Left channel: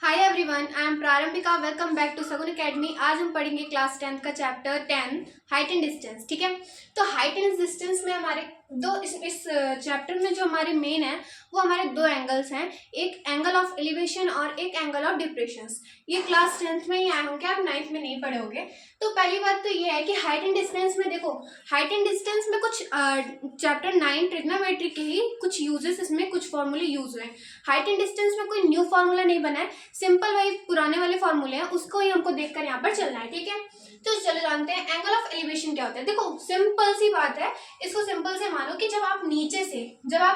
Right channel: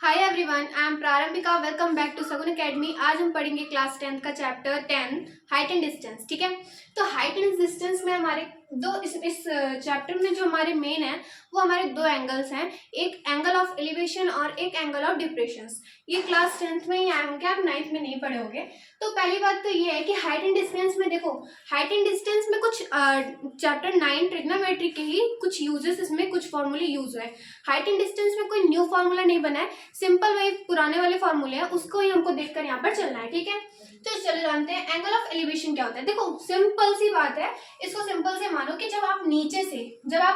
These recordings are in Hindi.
Hi everyone, I am Prarambhika. Welcome back to Sagun academy. आज हम पढ़ेंगे क्लास 10 का चैप्टर 10 हाइट एंड डिस्टेंस। ठीक है, तो हाइट एंड डिस्टेंस में हमारे इस चैप्टर में जो हमारे मेन है वो हमारे दो एंगल्स हैं, एक एंगल ऑफ एलिवेशन और एक एंगल ऑफ डिप्रेशन। ये क्लास 10th में ही आए होंगे, आप 9th में नहीं पढ़े होंगे। तो पहली बात तो ये है कि हाइट एंड डिस्टेंस में देखो, हाइट एंड डिस्टेंस में कुछ चैप्टर 9 ट्रिग्नोमेट्री के ही कुछ यूजेस, इसमें कुछ फॉर्मूले यूज हुए हैं। हाइट एंड डिस्टेंस में कोई न्यू फॉर्मूला नहीं बना है, सिंपल वही पुराने वाले फॉर्मूले हैं, उसको ही हमको देखकर यहाँ पर चलना है। ठीक है, तो चलो जानते हैं एंगल ऑफ एलिवेशन क्या होता है। देखो सिंपल सी बात है, इसको सिंपल से मानो कि जब आप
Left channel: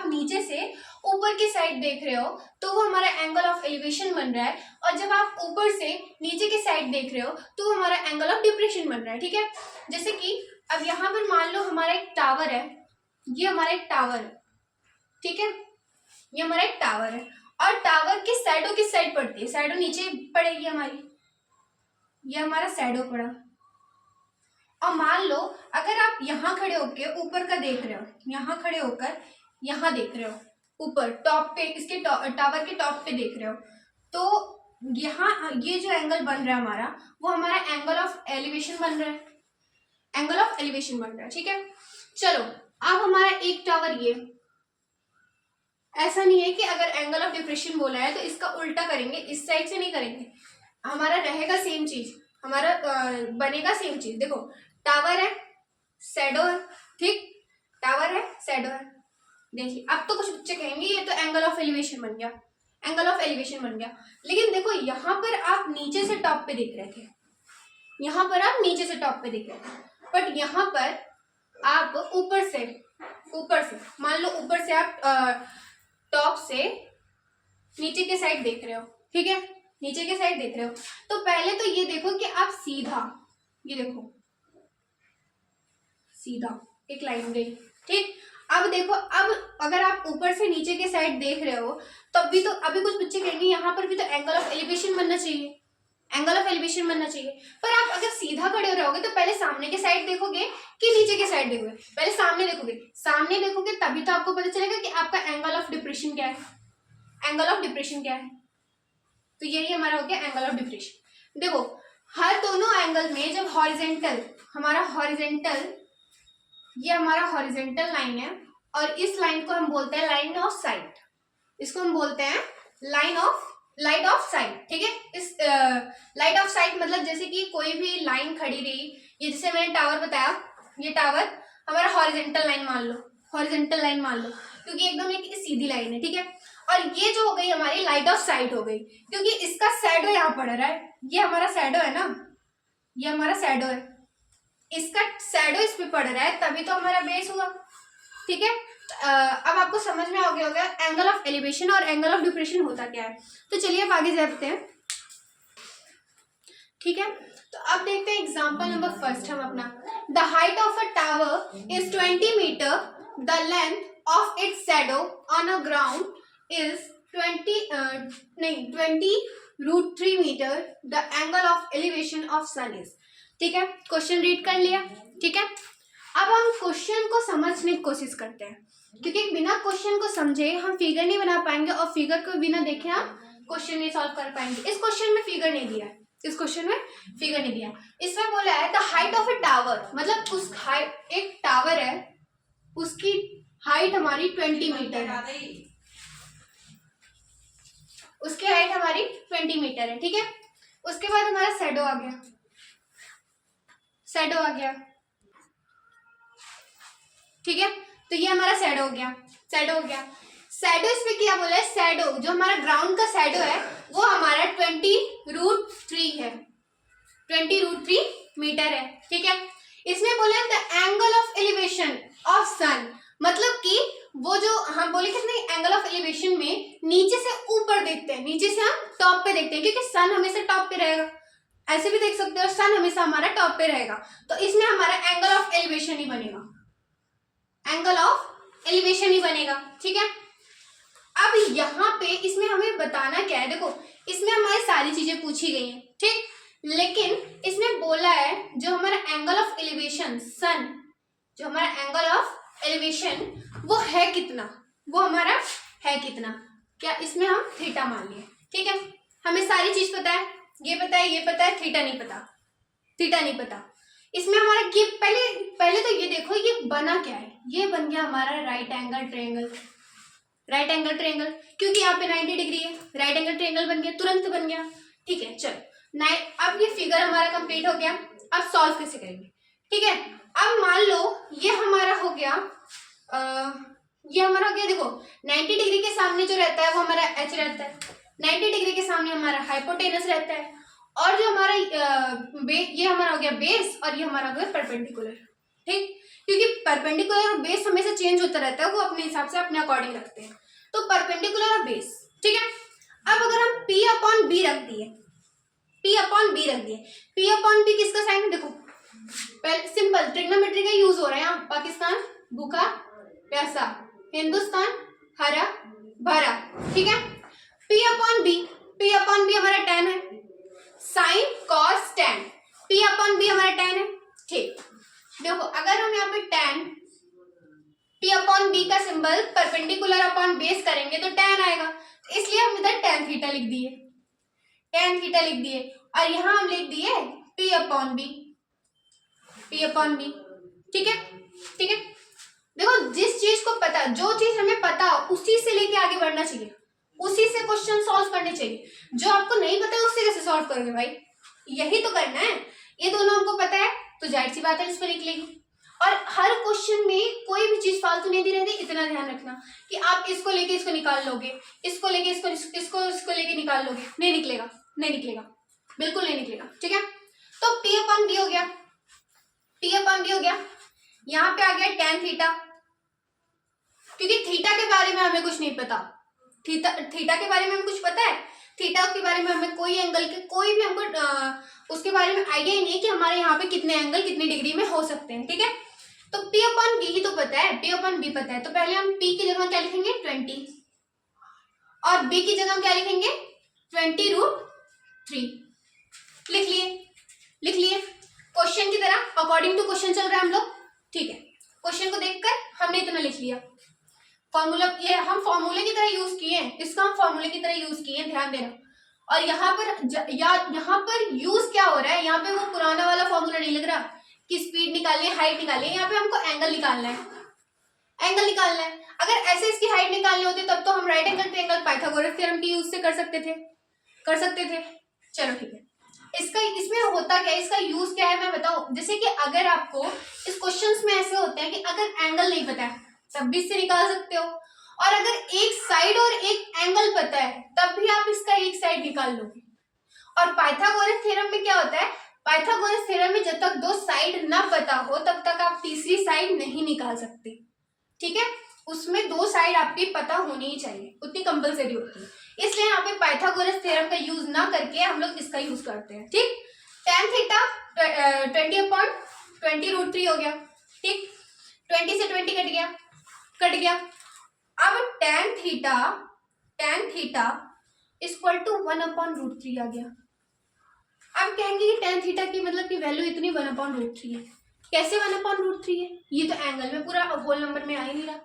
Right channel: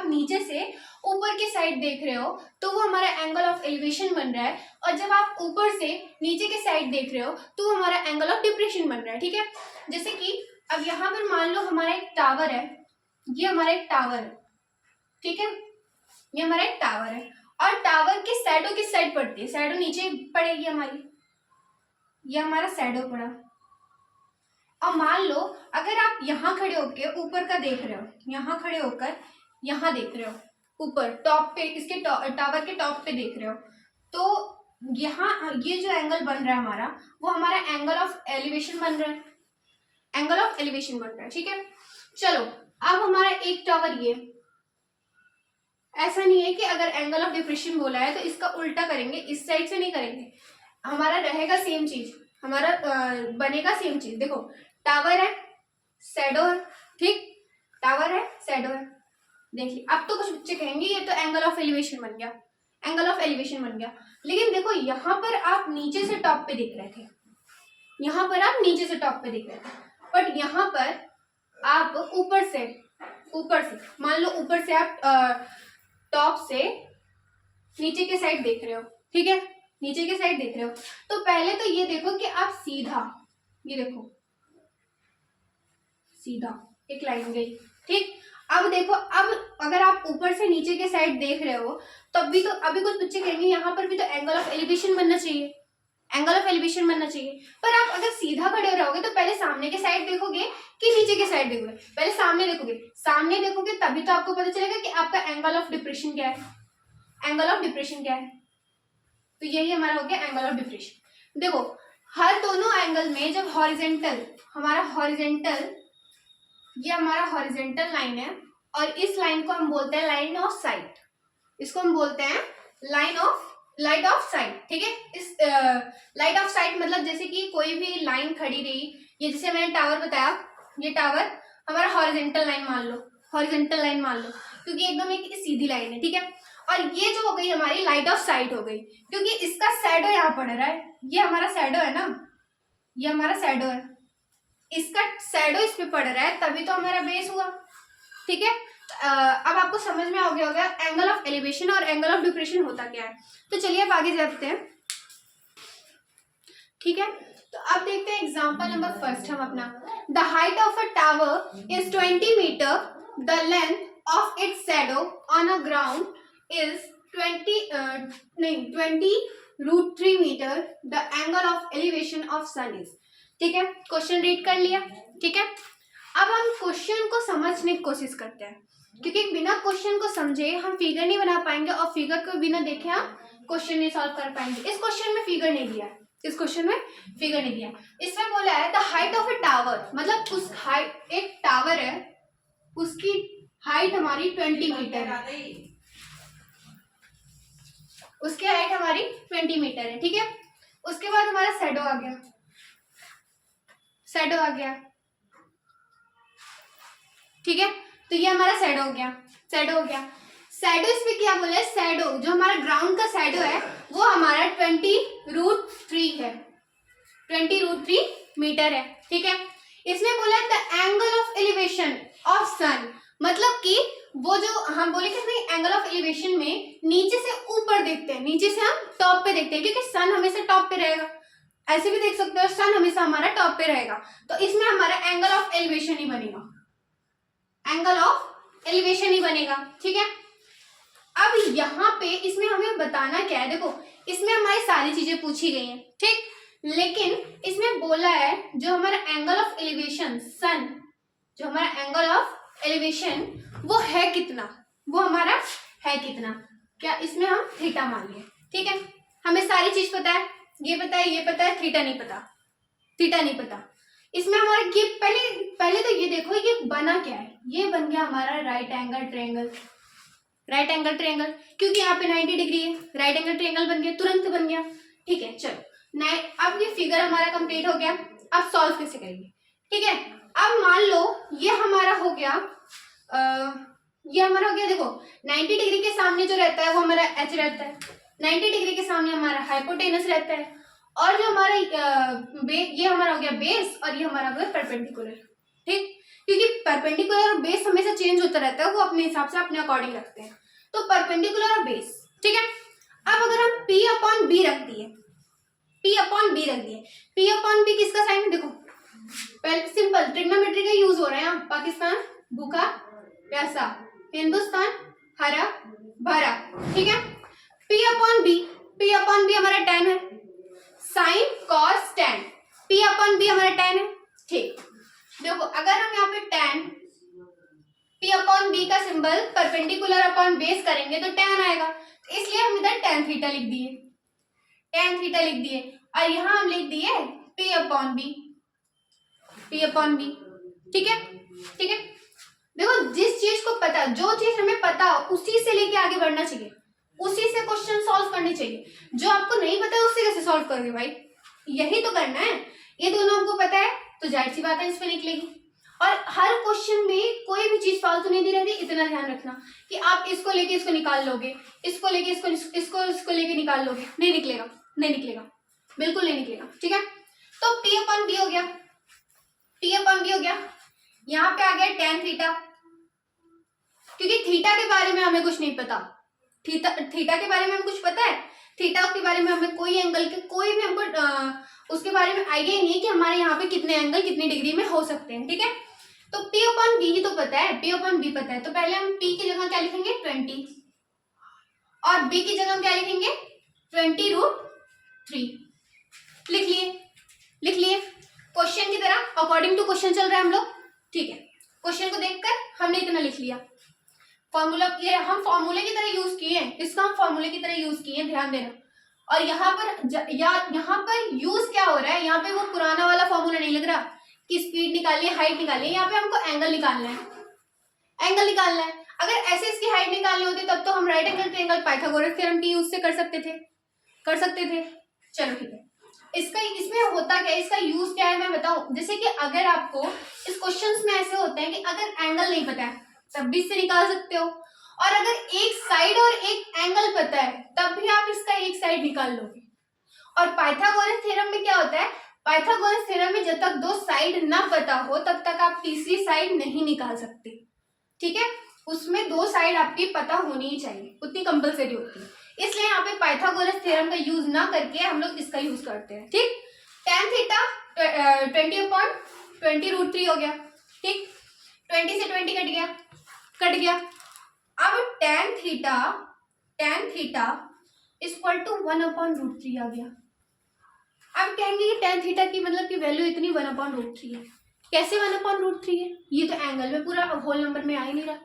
नीचे से ऊपर की साइड देख रहे हो तो वो हमारा एंगल ऑफ एलिवेशन बन रहा है, और जब आप ऊपर से नीचे की साइड देख रहे हो तो वो हमारा एंगल ऑफ डिप्रेशन बन रहा है। ठीक है, जैसे कि अब यहाँ पर मान लो हमारा एक टावर है, ये हमारा एक टावर है। ठीक है, ये हमारा एक टावर है और टावर की साइडों किस साइड पड़ती है, साइडों नीचे पड़ेगी हमारी, ये हमारा साइडों पड़ा। और मान लो अगर आप यहाँ खड़े होकर ऊपर का देख रहे हो, यहाँ खड़े होकर यहाँ देख रहे हो, ऊपर टॉप पे, इसके टावर के टॉप पे देख रहे हो, तो यहाँ ये जो एंगल बन रहा है हमारा, वो हमारा एंगल ऑफ एलिवेशन बन रहा है, एंगल ऑफ एलिवेशन बन रहा है। ठीक है, चलो अब हमारा एक टावर ये, ऐसा नहीं है कि अगर एंगल ऑफ डिप्रेशन बोला है तो इसका उल्टा करेंगे, इस साइड से नहीं करेंगे, हमारा रहेगा सेम चीज, हमारा बनेगा सेम चीज। देखो टावर है, शैडो है, ठीक, टावर है, शैडो है। देखिए अब तो कुछ बच्चे कहेंगे ये तो एंगल ऑफ एलिवेशन बन गया, एंगल ऑफ एलिवेशन बन गया, लेकिन देखो यहाँ पर आप नीचे से टॉप पे देख रहे थे, यहाँ पर आप नीचे से टॉप पे देख रहे थे, बट यहाँ पर आप ऊपर से मान लो ऊपर से आप टॉप से नीचे के साइड देख रहे हो। ठीक है, नीचे के साइड देख रहे हो, तो पहले तो ये देखो कि आप सीधा, ये देखो सीधा एक लाइन गई। ठीक, अब देखो, अब अगर आप ऊपर से नीचे के साइड देख रहे हो तब भी तो अभी कुछ बच्चे कहेंगे यहाँ पर भी तो एंगल ऑफ एलिवेशन बनना चाहिए, एंगल ऑफ एलिवेशन बनना चाहिए। पर आप अगर सीधा खड़े रहोगे तो पहले सामने के साइड देखोगे कि नीचे के साइड देखोगे, पहले सामने देखोगे तभी तो आपको पता चलेगा कि आपका एंगल ऑफ डिप्रेशन क्या है, एंगल ऑफ डिप्रेशन क्या है। तो यही हमारा हो गया एंगल ऑफ डिप्रेशन। देखो हर दोनों एंगल में जब हॉरिजेंटल, हमारा हॉरिजेंटल, ये हमारा हॉरिजेंटल लाइन है और इस लाइन को हम बोलते हैं लाइन ऑफ साइट, इसको हम बोलते हैं लाइट ऑफ साइट। ठीक है, इस लाइट ऑफ साइट मतलब जैसे कि कोई भी लाइन खड़ी रही, ये जैसे मैंने टावर बताया, ये टावर हमारा हॉरिजेंटल लाइन मान लो, हॉरिजेंटल लाइन मान लो, क्योंकि एकदम एक सीधी लाइन है। ठीक है, और ये जो हो गई हमारी लाइट ऑफ साइट हो गई, क्योंकि इसका शैडो यहाँ पड़ रहा है, ये हमारा शैडो है ना, ये हमारा शैडो है, इसका शैडो इस पे पड़ रहा है तभी तो हमारा बेस हुआ। ठीक है, अब आपको समझ में आ गया होगा एंगल ऑफ एलिवेशन और एंगल ऑफ डिप्रेशन होता क्या है। तो चलिए अब आगे जाते हैं। ठीक है, तो अब देखते हैं एग्जांपल नंबर फर्स्ट हम अपना। The height of a tower is 20 metre, the length of its shadow on a ground is 20√3 metre, the angle of elevation of sun is. ठीक है, क्वेश्चन रीड कर लिया। ठीक है, अब हम क्वेश्चन को समझने की कोशिश करते हैं, क्योंकि बिना क्वेश्चन को समझे हम फिगर नहीं बना पाएंगे और फिगर को बिना देखे हम क्वेश्चन नहीं सॉल्व कर पाएंगे। इस क्वेश्चन में फिगर नहीं दिया है, इस क्वेश्चन में फिगर नहीं दिया, इसमें बोला है the height of a tower, मतलब उस हाइट, एक टावर है उसकी हाइट हमारी 20 मीटर है, उसकी हाइट हमारी 20 मीटर है। ठीक है, उसके बाद हमारा शैडो आ गया, शैडो आ गया। ठीक है, तो ये हमारा शैडो हो गया, शैडो हो गया। शैडो इसमें क्या बोला है, शैडो जो हमारा ग्राउंड का शैडो है वो हमारा 20√3 है, 20√3 मीटर है। ठीक है, इसमें बोला है the angle of elevation of sun, मतलब कि वो जो हम बोले थे एंगल ऑफ एलिवेशन में नीचे से ऊपर देखते हैं, नीचे से हम टॉप पे देखते हैं, क्योंकि सन हमेशा टॉप पे रहेगा, ऐसे भी देख सकते हो सन हमेशा हमारा टॉप पे रहेगा, तो इसमें हमारा एंगल ऑफ एलिवेशन ही बनेगा, एंगल ऑफ एलिवेशन ही बनेगा। ठीक है, अब यहाँ पे इसमें हमें बताना क्या है, देखो इसमें हमारी सारी चीजें पूछी गई हैं, ठीक, लेकिन इसमें बोला है जो हमारा एंगल ऑफ एलिवेशन सन, जो हमारा एंगल ऑफ एलिवेशन वो है कितना, वो हमारा है कितना, क्या इसमें हम थीटा मान लिए। ठीक है, हमें सारी चीज पता है, ये पता है, ये पता है, थीटा नहीं पता, थीटा नहीं पता। इसमें हमारा ये पहले तो ये देखो ये बना क्या है, ये बन गया हमारा right angle triangle. Right angle triangle क्योंकि यहाँ पे 90 डिग्री है, राइट एंगल ट्रायंगल बन गया, तुरंत बन गया। ठीक है, चलो अब ये फिगर हमारा कंप्लीट हो गया। अब सॉल्व कैसे करेंगे, ठीक है। अब मान लो ये हमारा हो गया, ये हमारा हो गया, देखो 90 डिग्री के सामने जो रहता है वो हमारा एच रहता है, 90 डिग्री के सामने हमारा हाइपोटेनस रहता है, और जो हमारा ये हमारा हो गया बेस, और ये हमारा हो गया परपेंडिकुलर। ठीक, क्योंकि परपेंडिकुलर और बेस हमेशा चेंज होता रहता है, वो अपने हिसाब से अपने अकॉर्डिंग रखते हैं, तो परपेंडिकुलर और बेस। ठीक है, अब अगर हम P अपॉन बी रख दिए, P अपॉन बी रख दिए, P अपॉन बी किसका साइन, देखो पहले सिंपल ट्रिग्नोमेट्री का यूज हो रहा है यहाँ। पाकिस्तान भूखा प्यासा, हिंदुस्तान हरा भरा। ठीक है, P upon B, P upon B हमारा tan है, sine cos tan, P upon B हमारा tan है। ठीक, देखो अगर हम यहाँ पे tan P अपॉन बी का सिंबल परपेंडिकुलर अपॉन बेस करेंगे तो tan आएगा, इसलिए हम इधर tan थीटा लिख दिए, tan थीटा लिख दिए, और यहाँ हम लिख दिए P upon B, P upon B. ठीक है, ठीक है, देखो जिस चीज को पता, जो चीज हमें पता उसी से लेके आगे बढ़ना चाहिए, उसी से क्वेश्चन सॉल्व करने चाहिए। जो आपको नहीं पता है उससे कैसे सॉल्व करोगे भाई, यही तो करना है। ये दोनों हमको पता है तो जाहिर सी बात है इस पे निकलेगी, और हर क्वेश्चन में कोई भी चीज फालतू नहीं दी रहती। इतना ध्यान रखना कि आप इसको लेके इसको निकाल लोगे, इसको लेके इसको लेके निकाल लोगे, नहीं निकलेगा, नहीं निकलेगा, बिल्कुल नहीं निकलेगा। ठीक है, तो P अपॉन बी हो गया, P अपॉन बी हो गया, यहाँ पे आ गया tan थीटा, क्योंकि थीटा के बारे में हमें कुछ नहीं पता, थीटा के बारे में हमें कुछ पता है, थीटा के बारे में हमें कोई एंगल के कोई भी हमको उसके बारे में आइडिया ही नहीं कि हमारे यहाँ पे कितने एंगल कितनी डिग्री में हो सकते हैं। ठीक है, तो P अपॉन बी ही तो पता है, P अपॉन बी पता है, तो पहले हम P की जगह क्या लिखेंगे 20, और B की जगह क्या लिखेंगे 20√3। लिख लिए, लिख लिए, क्वेश्चन की तरह अकॉर्डिंग टू क्वेश्चन चल रहा है हम लोग। ठीक है, क्वेश्चन को देखकर हमने इतना लिख लिया। फॉर्मूला ये हम फॉर्मूले की तरह यूज किए हैं, इसका हम फॉर्मूले की तरह यूज किए हैं, ध्यान देना। और यहाँ पर यहाँ पर यूज क्या हो रहा है, यहाँ पे वो पुराना वाला फॉर्मूला नहीं लग रहा कि स्पीड निकालिए हाइट निकालिए, यहाँ पे हमको एंगल निकालना है, एंगल निकालना है। अगर ऐसे इसकी हाइट निकालनी होती तब तो हम right angle triangle Pythagoras theorem के यूज से कर सकते थे, कर सकते थे। चलो ठीक है, इसका इसमें होता क्या है, इसका यूज क्या है मैं बताऊं। जैसे कि अगर आपको इस क्वेश्चंस में ऐसे होता है कि अगर एंगल नहीं पता है तब भी इससे निकाल सकते हो, और अगर एक साइड और एक एंगल पता है तब भी आप इसका एक साइड निकाल लोगे। और पाइथागोरस थ्योरम में क्या होता है, पाइथागोरस थ्योरम में जब तक दो साइड ना पता हो तब तक आप तीसरी साइड नहीं निकाल सकते। ठीक है, उसमें दो साइड आपकी पता होनी ही चाहिए, उतनी कंपलसरी होती है, इसलिए यहाँ पे पाइथागोरस थ्योरम का यूज ना करके हम लोग इसका यूज करते हैं। ठीक, tan थीटा 20/20√3 हो गया। ठीक, 20 से 20 कट गया, कट गया। अब tan थीटा इक्वल टू 1/√3 आ गया। अब कहेंगे कि tan थीटा की मतलब की वैल्यू इतनी 1/√3 है, कैसे 1/√3 है, ये तो एंगल में पूरा होल नंबर में आ ही नहीं रहा,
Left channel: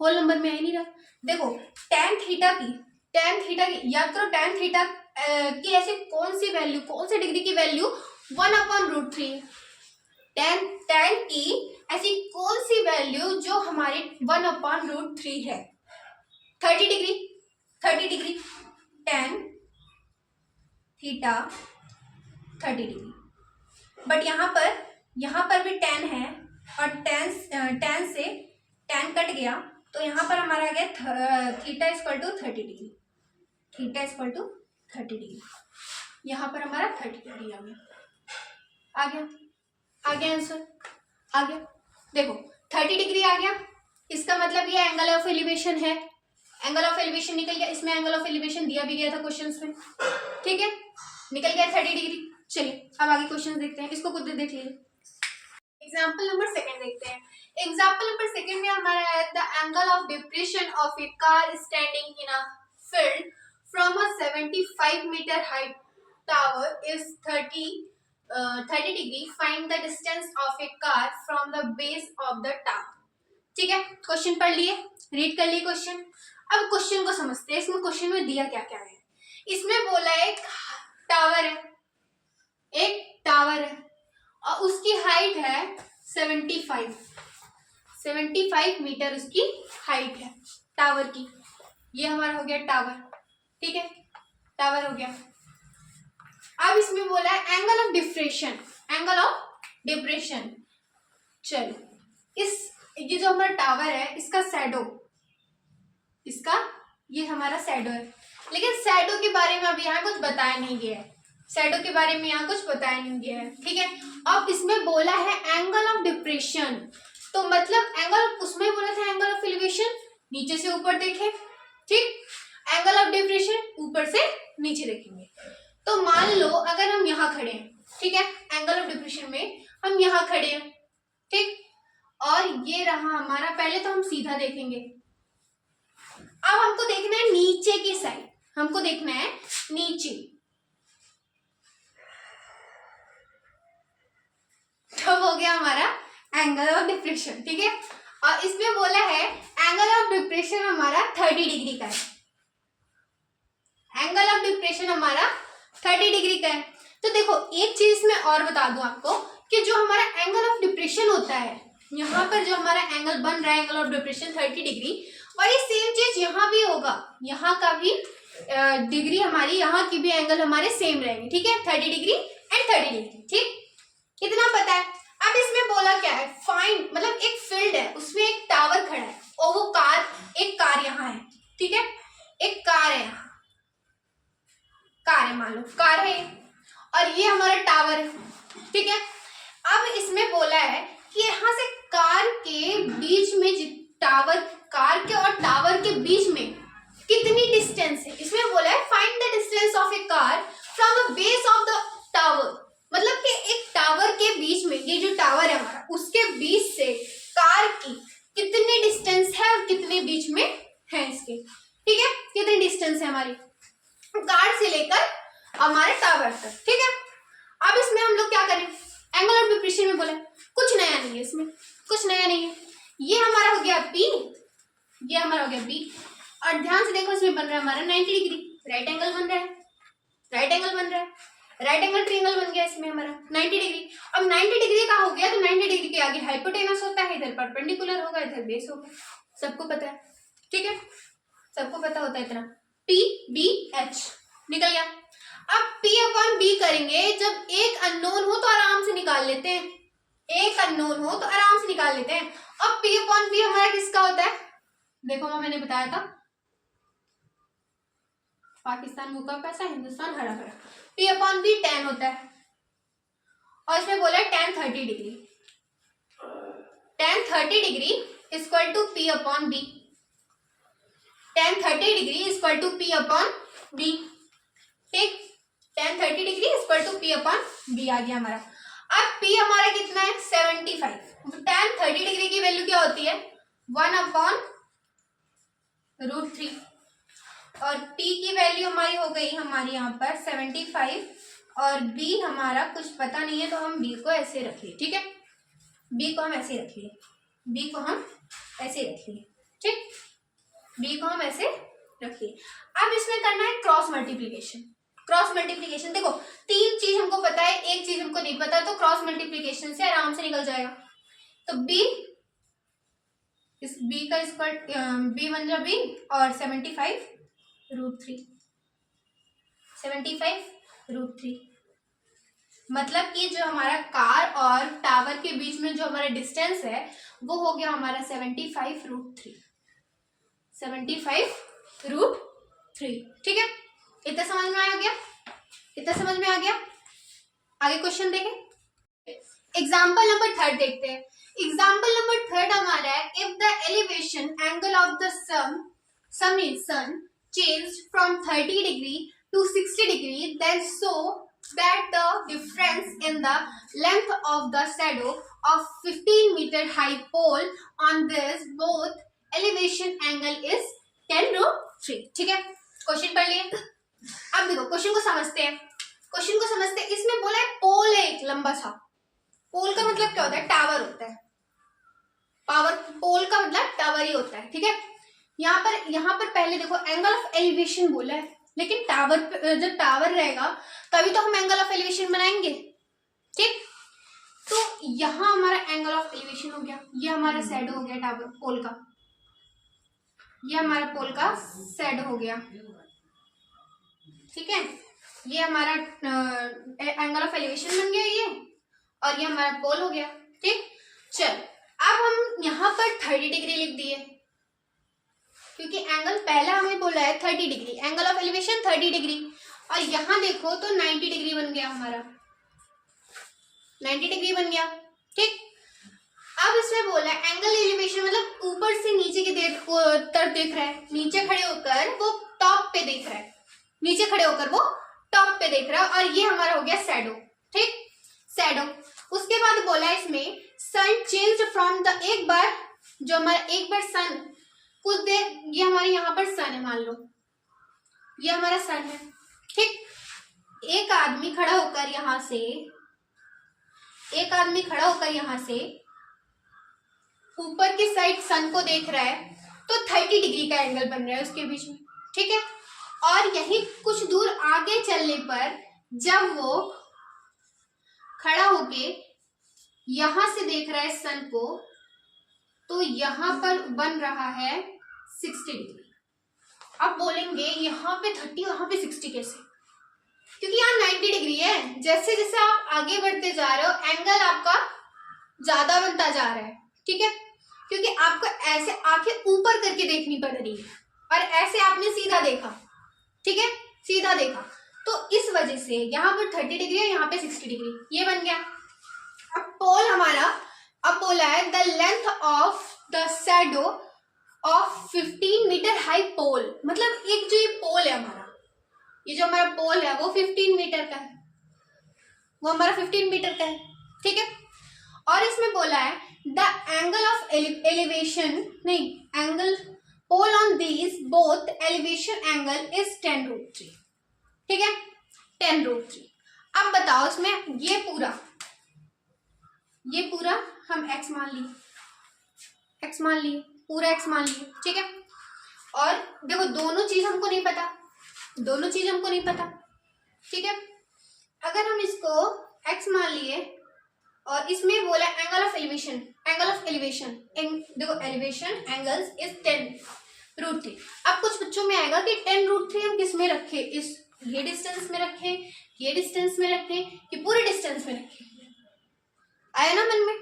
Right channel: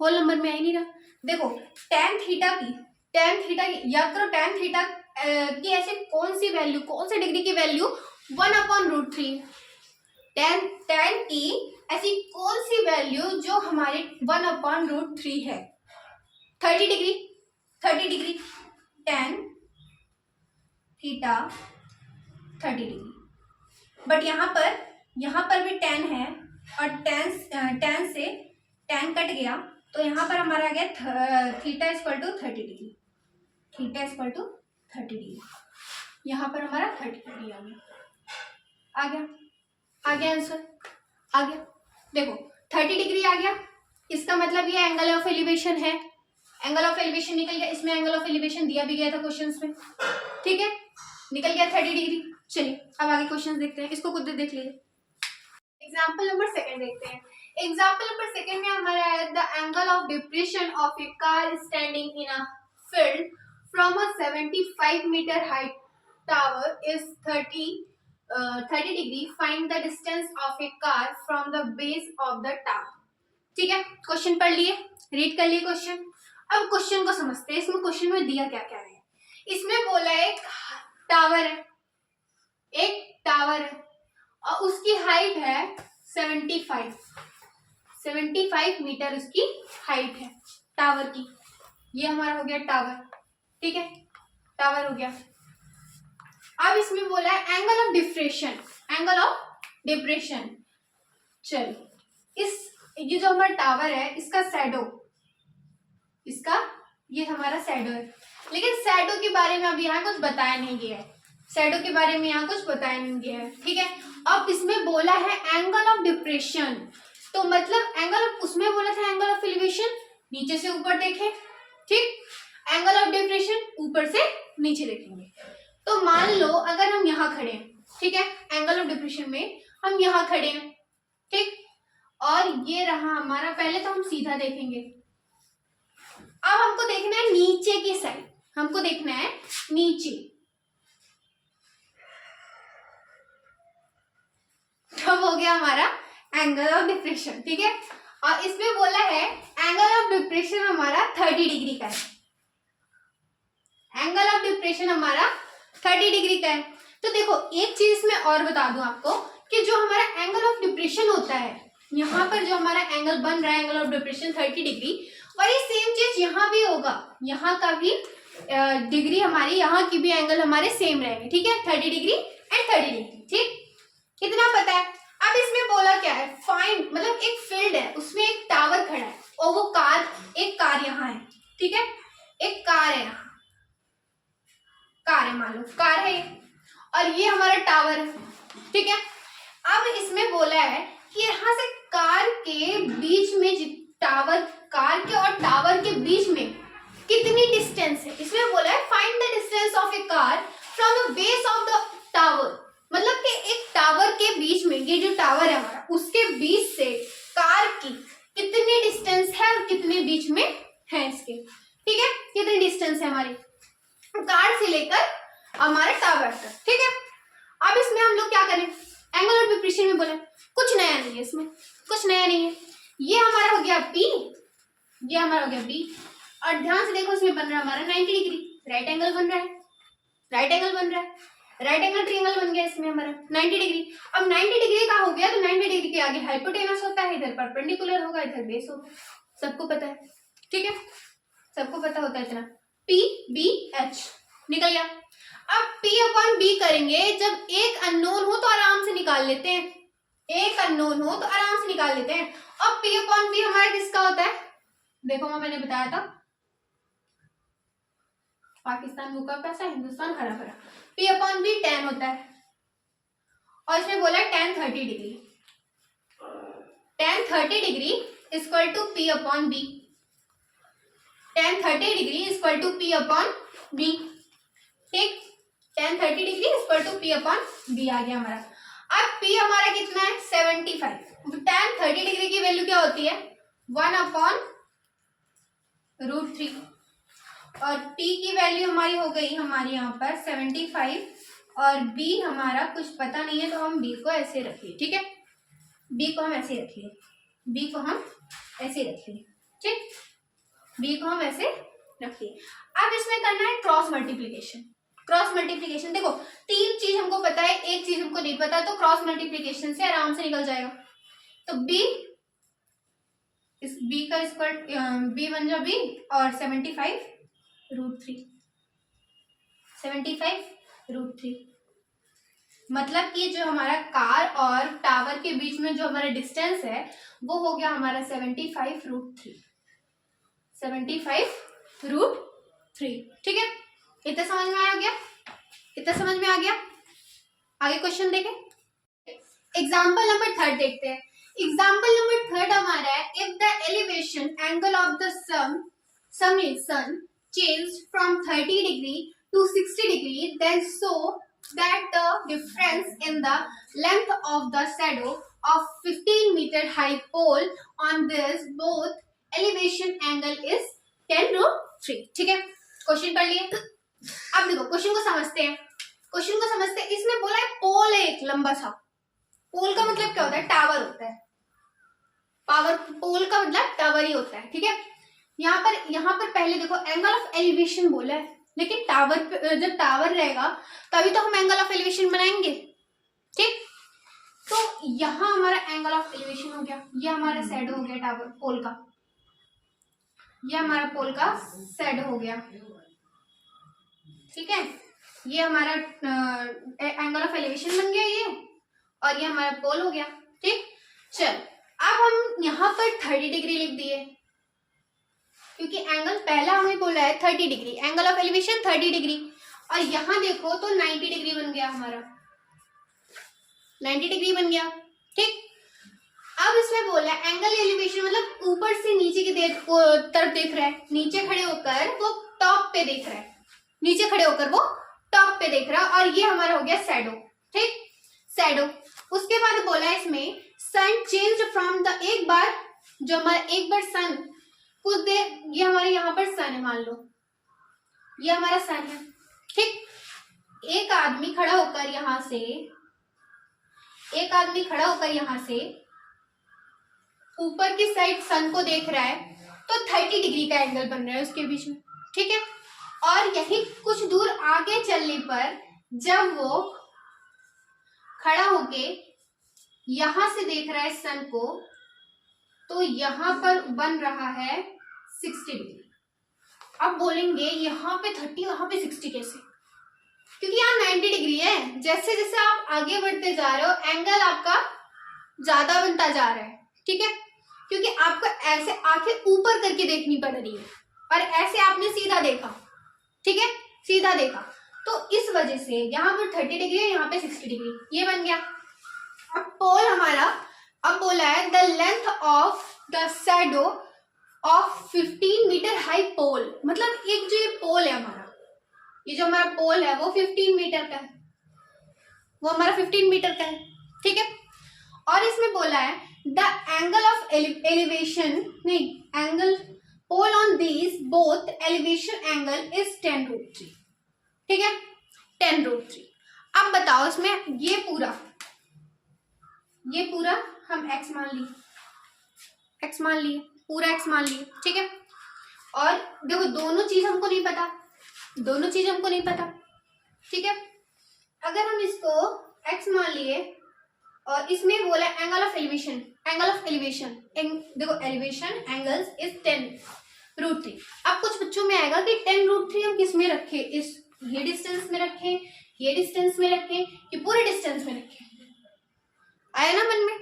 होल नंबर में आ ही नहीं रहा। देखो tan थीटा की याद करो, tan थीटा की ऐसे कौन सी वैल्यू, कौन से डिग्री की वैल्यू 1/√3, tan की ऐसी कौन सी वैल्यू जो हमारे 1/√3 है, 30 degree, 30 degree, tan theta 30 degree. But यहाँ पर भी tan है, और tan से tan कट गया, तो यहाँ पर हमारा आ गया theta equal to 30 degree, theta equal to 30 degree, यहाँ पर हमारा 30 डिग्री आ गया, आ गया, आ गया आंसर, आ गया। देखो 30 डिग्री आ गया, इसका मतलब ये एंगल ऑफ एलिवेशन है, एंगल ऑफ एलिवेशन निकल गया, इसमें एंगल ऑफ एलिवेशन दिया भी गया था क्वेश्चंस में। ठीक है, निकल गया 30 डिग्री। चलिए अब आगे क्वेश्चन देखते हैं, इसको खुद देख लीजिए। एग्जाम्पल नंबर सेकंड देखते हैं। एग्जाम्पल नंबर सेकंड में हमारा है the angle of depression of a car standing in a field from a 75 metre height tower is 30 degree, find the distance of a car from the base of the tower. ठीक है, क्वेश्चन पढ़ लिए, रीड कर लिए क्वेश्चन। अब क्वेश्चन को समझते हैं, इसमें क्वेश्चन में दिया क्या क्या है। इसमें बोला है एक टावर है, एक टावर है और उसकी हाइट है 75 मीटर उसकी हाइट है टावर की। ये हमारा हो गया टावर, ठीक है, टावर हो गया। अब इसमें बोला है angle of depression, angle of depression. चलो इस ये जो हमारा टावर है इसका शैडो, इसका ये हमारा शैडो है, लेकिन शैडो के बारे में अब यहाँ कुछ बताया नहीं गया है, शैडो के बारे में यहाँ कुछ बताया नहीं गया है, ठीक है। अब इसमें बोला है एंगल ऑफ डिप्रेशन, तो मतलब एंगल ऑफ, उसमें बोला था एंगल ऑफ एलिवेशन नीचे से ऊपर देखे, ठीक, एंगल ऑफ डिप्रेशन ऊपर से नीचे देखेंगे। तो मान लो अगर हम यहाँ खड़े हैं, ठीक है, एंगल ऑफ डिप्रेशन में हम यहाँ खड़े हैं, ठीक, और ये रहा हमारा, पहले तो हम सीधा देखेंगे, अब हमको देखना है नीचे की साइड, हमको देखना है नीचे, तब हो गया हमारा एंगल ऑफ डिप्रेशन, ठीक है। और इसमें बोला है एंगल ऑफ डिप्रेशन हमारा 30 डिग्री का है, एंगल ऑफ डिप्रेशन हमारा 30 डिग्री का है। तो देखो एक चीज इसमें और बता दूं आपको कि जो हमारा एंगल ऑफ डिप्रेशन होता है, यहाँ पर जो हमारा एंगल बन रहा है एंगल ऑफ डिप्रेशन 30 डिग्री, और ये सेम चीज यहाँ भी होगा, यहाँ का भी डिग्री हमारी, यहाँ की भी एंगल हमारे सेम रहेंगे, ठीक है, 30 डिग्री एंड 30 डिग्री, ठीक, कितना पता है। अब इसमें बोला क्या है, फाइंड, मतलब एक फील्ड है उसमें एक टावर खड़ा है और वो कार, एक कार यहाँ है, ठीक है, एक कार है यहाँ, कार है, मान लो कार है ये, और ये हमारा टावर है, ठीक है। अब इसमें बोला है कि यहाँ से कार के बीच में, टावर, कार के और टावर के बीच में कितनी डिस्टेंस है, इसमें बोला है find the distance of a car from the base of the tower, मतलब कि एक टावर के बीच में, ये जो टावर है हमारा उसके बीच से कार की कितनी डिस्टेंस है और कितने बीच में है इसके, ठीक है, कितनी डिस्टेंस है हमारी कार से लेकर हमारे टावर तक, ठीक है। अब इसमें हम लोग क्या करें, एंगल ऑफ डिप्रेशन में बोला कुछ नया नहीं है, इसमें कुछ नया नहीं है, ये हमारा हो गया P, ये हमारा हो गया B, और ध्यान से देखो इसमें बन रहा है हमारा 90 डिग्री, राइट एंगल बन रहा है, राइट एंगल बन रहा है, राइट एंगल ट्रायंगल बन गया इसमें हमारा 90 डिग्री। अब 90 डिग्री का हो गया तो 90 डिग्री के आगे हाइपोटेनस होता है, इधर परपेंडिकुलर होगा, इधर बेस होगा, सबको पता है, ठीक है, सबको पता होता है इतना, PBH निकल गया। अब P/B करेंगे, जब एक अननोन हो तो आराम से निकाल लेते हैं, एक अननोन हो तो आराम से निकाल लेते हैं। अब P/B हमारा किसका होता है, देखो मैंने बताया था, पाकिस्तान भूखा प्यासा हिंदुस्तान हरा भरा, P/B tan होता है, और इसमें बोला है tan 30 degree, tan 30 degree equal to P/B, tan 30 degree equal to P/B, ठीक, tan 30 degree equal to P/B आ गया हमारा। अब P हमारा कितना है 75, tan 30 डिग्री की वैल्यू क्या होती है 1/√3, और T की वैल्यू हमारी हो गई हमारी यहाँ पर 75, और B हमारा कुछ पता नहीं है तो हम B को ऐसे रख लिए, ठीक है, B को हम ऐसे रख लिए, B को हम ऐसे रख लिए, ठीक, B को हम ऐसे रख लिए। अब इसमें करना है क्रॉस मल्टीप्लीकेशन, क्रॉस मल्टीप्लीकेशन, देखो तीन चीज हमको पता है, एक चीज हमको नहीं पता है, तो क्रॉस मल्टीप्लीकेशन से आराम से निकल जाएगा। तो B, इस B का स्क्वायर, B बन जाए B, और 75√3, 75√3, मतलब कि जो हमारा कार और टावर के बीच में जो हमारा डिस्टेंस है वो हो गया हमारा 75√3, 75√3, ठीक है, इतना समझ में आ गया, इतना समझ में आ गया। आगे क्वेश्चन देखें, एग्जाम्पल नंबर 3 देखते हैं। एग्जाम्पल नंबर 3 हमारा है, if the elevation angle of the sun changed from 30 degree to 60 degree, then so that the difference in the length of the shadow of 15 meter high pole on this both elevation angle is 10√3, ठीक है, क्वेश्चन पढ़ लिए। अब देखो क्वेश्चन को समझते हैं, क्वेश्चन को समझते हैं। इसमें बोला है पोल है एक लंबा सा, पोल का मतलब क्या होता है, टावर होता है, पावर, पोल का मतलब टावर ही होता है, ठीक है। यहाँ पर पहले देखो एंगल ऑफ एलिवेशन बोला है, लेकिन टावर जब टावर रहेगा तभी तो हम एंगल ऑफ एलिवेशन बनाएंगे, ठीक। तो यहाँ हमारा एंगल ऑफ एलिवेशन हो गया, ये हमारा शैडो हो गया टावर पोल का, ये हमारा पोल का शैडो हो गया, ठीक है। ये हमारा एंगल ऑफ एलिवेशन बन गया ये, और ये हमारा पोल हो गया, ठीक। चल अब हम यहाँ पर 30 डिग्री लिख दिए, क्योंकि एंगल पहला हमें बोला है 30 degree, angle of elevation 30 degree, और यहाँ देखो तो 90 डिग्री बन गया हमारा, 90 डिग्री बन गया, ठीक। अब इसमें बोला है एंगल एलिवेशन मतलब ऊपर से नीचे की तरफ देख रहा है, नीचे खड़े होकर वो टॉप पे देख रहा है, नीचे खड़े होकर वो टॉप पे देख रहा है, और ये हमारा हो गया शैडो, ठीक, शैडो। उसके बाद बोला है इसमें सन चेंज फ्रॉम द, एक बार जो हमारा एक बार सन कुछ देर, ये हमारे यहाँ पर सन है, मान लो ये हमारा सन है, ठीक। एक आदमी खड़ा होकर यहाँ से, एक आदमी खड़ा होकर यहाँ से ऊपर की साइड सन को देख रहा है, तो 30 डिग्री का एंगल बन रहा है उसके बीच में, ठीक है। और यही कुछ दूर आगे चलने पर जब वो खड़ा होके यहां से देख रहा है सन को, तो यहां पर बन रहा है 60 डिग्री। अब बोलेंगे यहाँ पे 30 वहां पे 60 कैसे, क्योंकि यहाँ 90 डिग्री है, जैसे जैसे आप आगे बढ़ते जा रहे हो एंगल आपका ज्यादा बनता जा रहा है, ठीक है, क्योंकि आपको ऐसे आंखें ऊपर करके देखनी पड़ रही है, और ऐसे आपने सीधा देखा, ठीक है, सीधा देखा, तो इस वजह से यहाँ पर 30 डिग्री है, यहाँ पे 60 डिग्री, ये बन गया। अब पोल हमारा, अब बोला है the length of the shadow of 15 metre high pole, मतलब एक जो ये पोल है हमारा, ये जो हमारा पोल है वो 15 मीटर का है, वो हमारा 15 मीटर का है, ठीक है। और इसमें बोला है द एंगल ऑफ एलिवेशन, नहीं, angle pole on this both elevation angle is 10√3, ठीक है, 10√3। अब बताओ इसमें ये पूरा हम x मान लिए, x मान लिए, पूरा x मान लिए, ठीक है। और देखो दोनों चीज हमको नहीं पता, दोनों चीज हमको नहीं पता, ठीक है। अगर हम इसको x मान लिए और इसमें बोला angle of elevation, angle of elevation, देखो एलिवेशन एंगल्स इज 10√3। अब कुछ बच्चों में आएगा कि 10√3 हम किस में रखें, इस ये डिस्टेंस में रखें, ये डिस्टेंस में रखें, कि पूरे डिस्टेंस में रखें, आया ना मन में।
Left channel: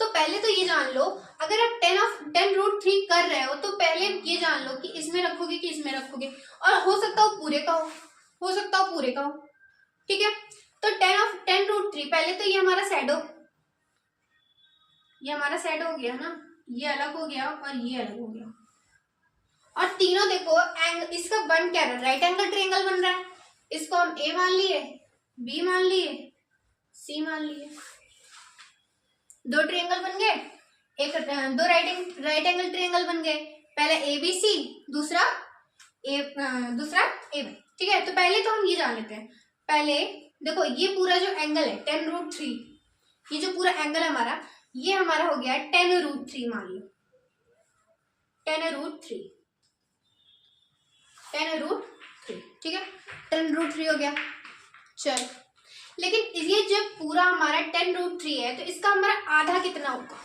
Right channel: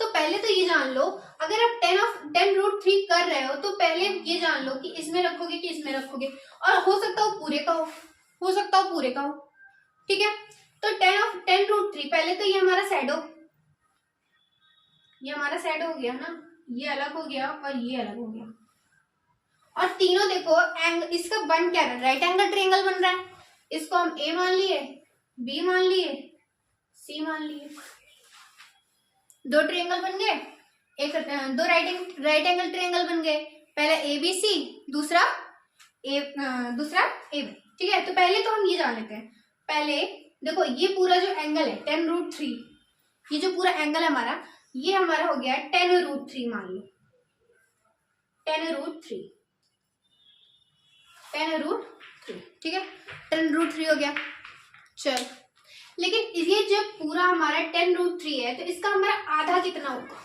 तो पहले तो ये जान लो, अगर आप 10√3 कर रहे हो तो पहले ये जान लो कि इसमें रखोगे कि इसमें रखोगे, और हो सकता हो पूरे का हो सकता हो पूरे का हो, ठीक है। तो 10√3, पहले तो ये हमारा शैडो, ये हमारा शैडो हो गया ना, ये अलग हो गया और ये अलग हो गया, और तीनों देखो इसका बन क्या रहा है, राइट एंगल ट्रायंगल बन रहा है। इसको हम ए मान लिए, बी मान लिए, सी मान लिए, दो ट्रायंगल बन गए, एक दो राइट एंगल ट्रायंगल बन गए, पहला ए बी सी, दूसरा ए बी, ठीक है। तो पहले तो हम ये जान लेते हैं, पहले देखो ये पूरा जो एंगल है 10√3, ये जो पूरा एंगल है हमारा, ये हमारा हो गया 10√3, मान लो 10√3, ठीक है, 10√3 हो गया। चल, लेकिन ये जब पूरा हमारा 10√3 है तो इसका हमारा आधा कितना होगा,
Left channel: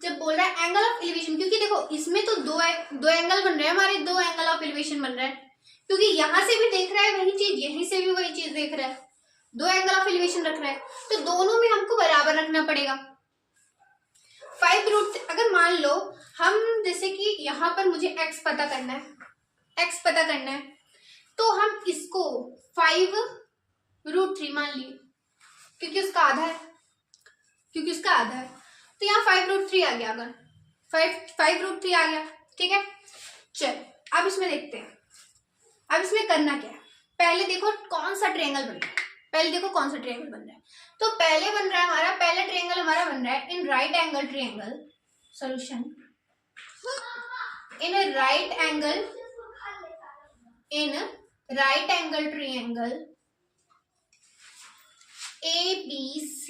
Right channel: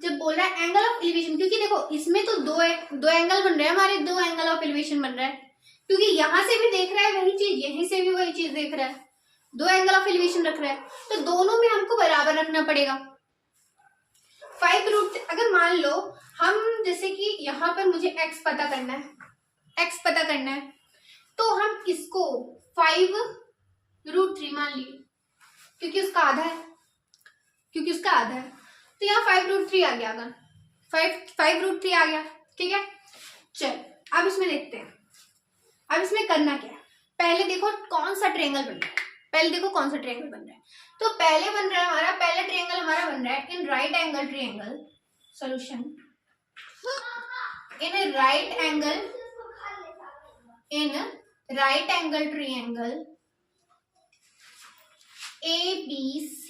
जब बोल रहा है एंगल ऑफ एलिवेशन, क्योंकि देखो इसमें तो दो एंगल बन रहे हैं हमारे, दो एंगल ऑफ एलिवेशन बन रहा है, क्योंकि यहां से भी देख रहा है वही चीज, यहीं से भी वही चीज देख रहा है, दो एंगल ऑफ एलिवेशन रख रहा है, तो दोनों में हमको बराबर रखना पड़ेगा। 5√3, अगर मान लो हम जैसे कि यहाँ पर मुझे x पता करना है, तो हम इसको 5√3 मान लिए, क्योंकि उसका आधा है, तो यहाँ 5√3 आ गया, अगर 5√3 आ गया, ठीक है। चल अब इसमें देखते हैं, अब इसमें करना क्या है, पहले देखो कौन सा ट्रायंगल बन रहा है, तो पहले बन रहा है हमारा, पहला ट्रायंगल हमारा बन रहा है in right angle triangle, solution in right angle triangle ABC,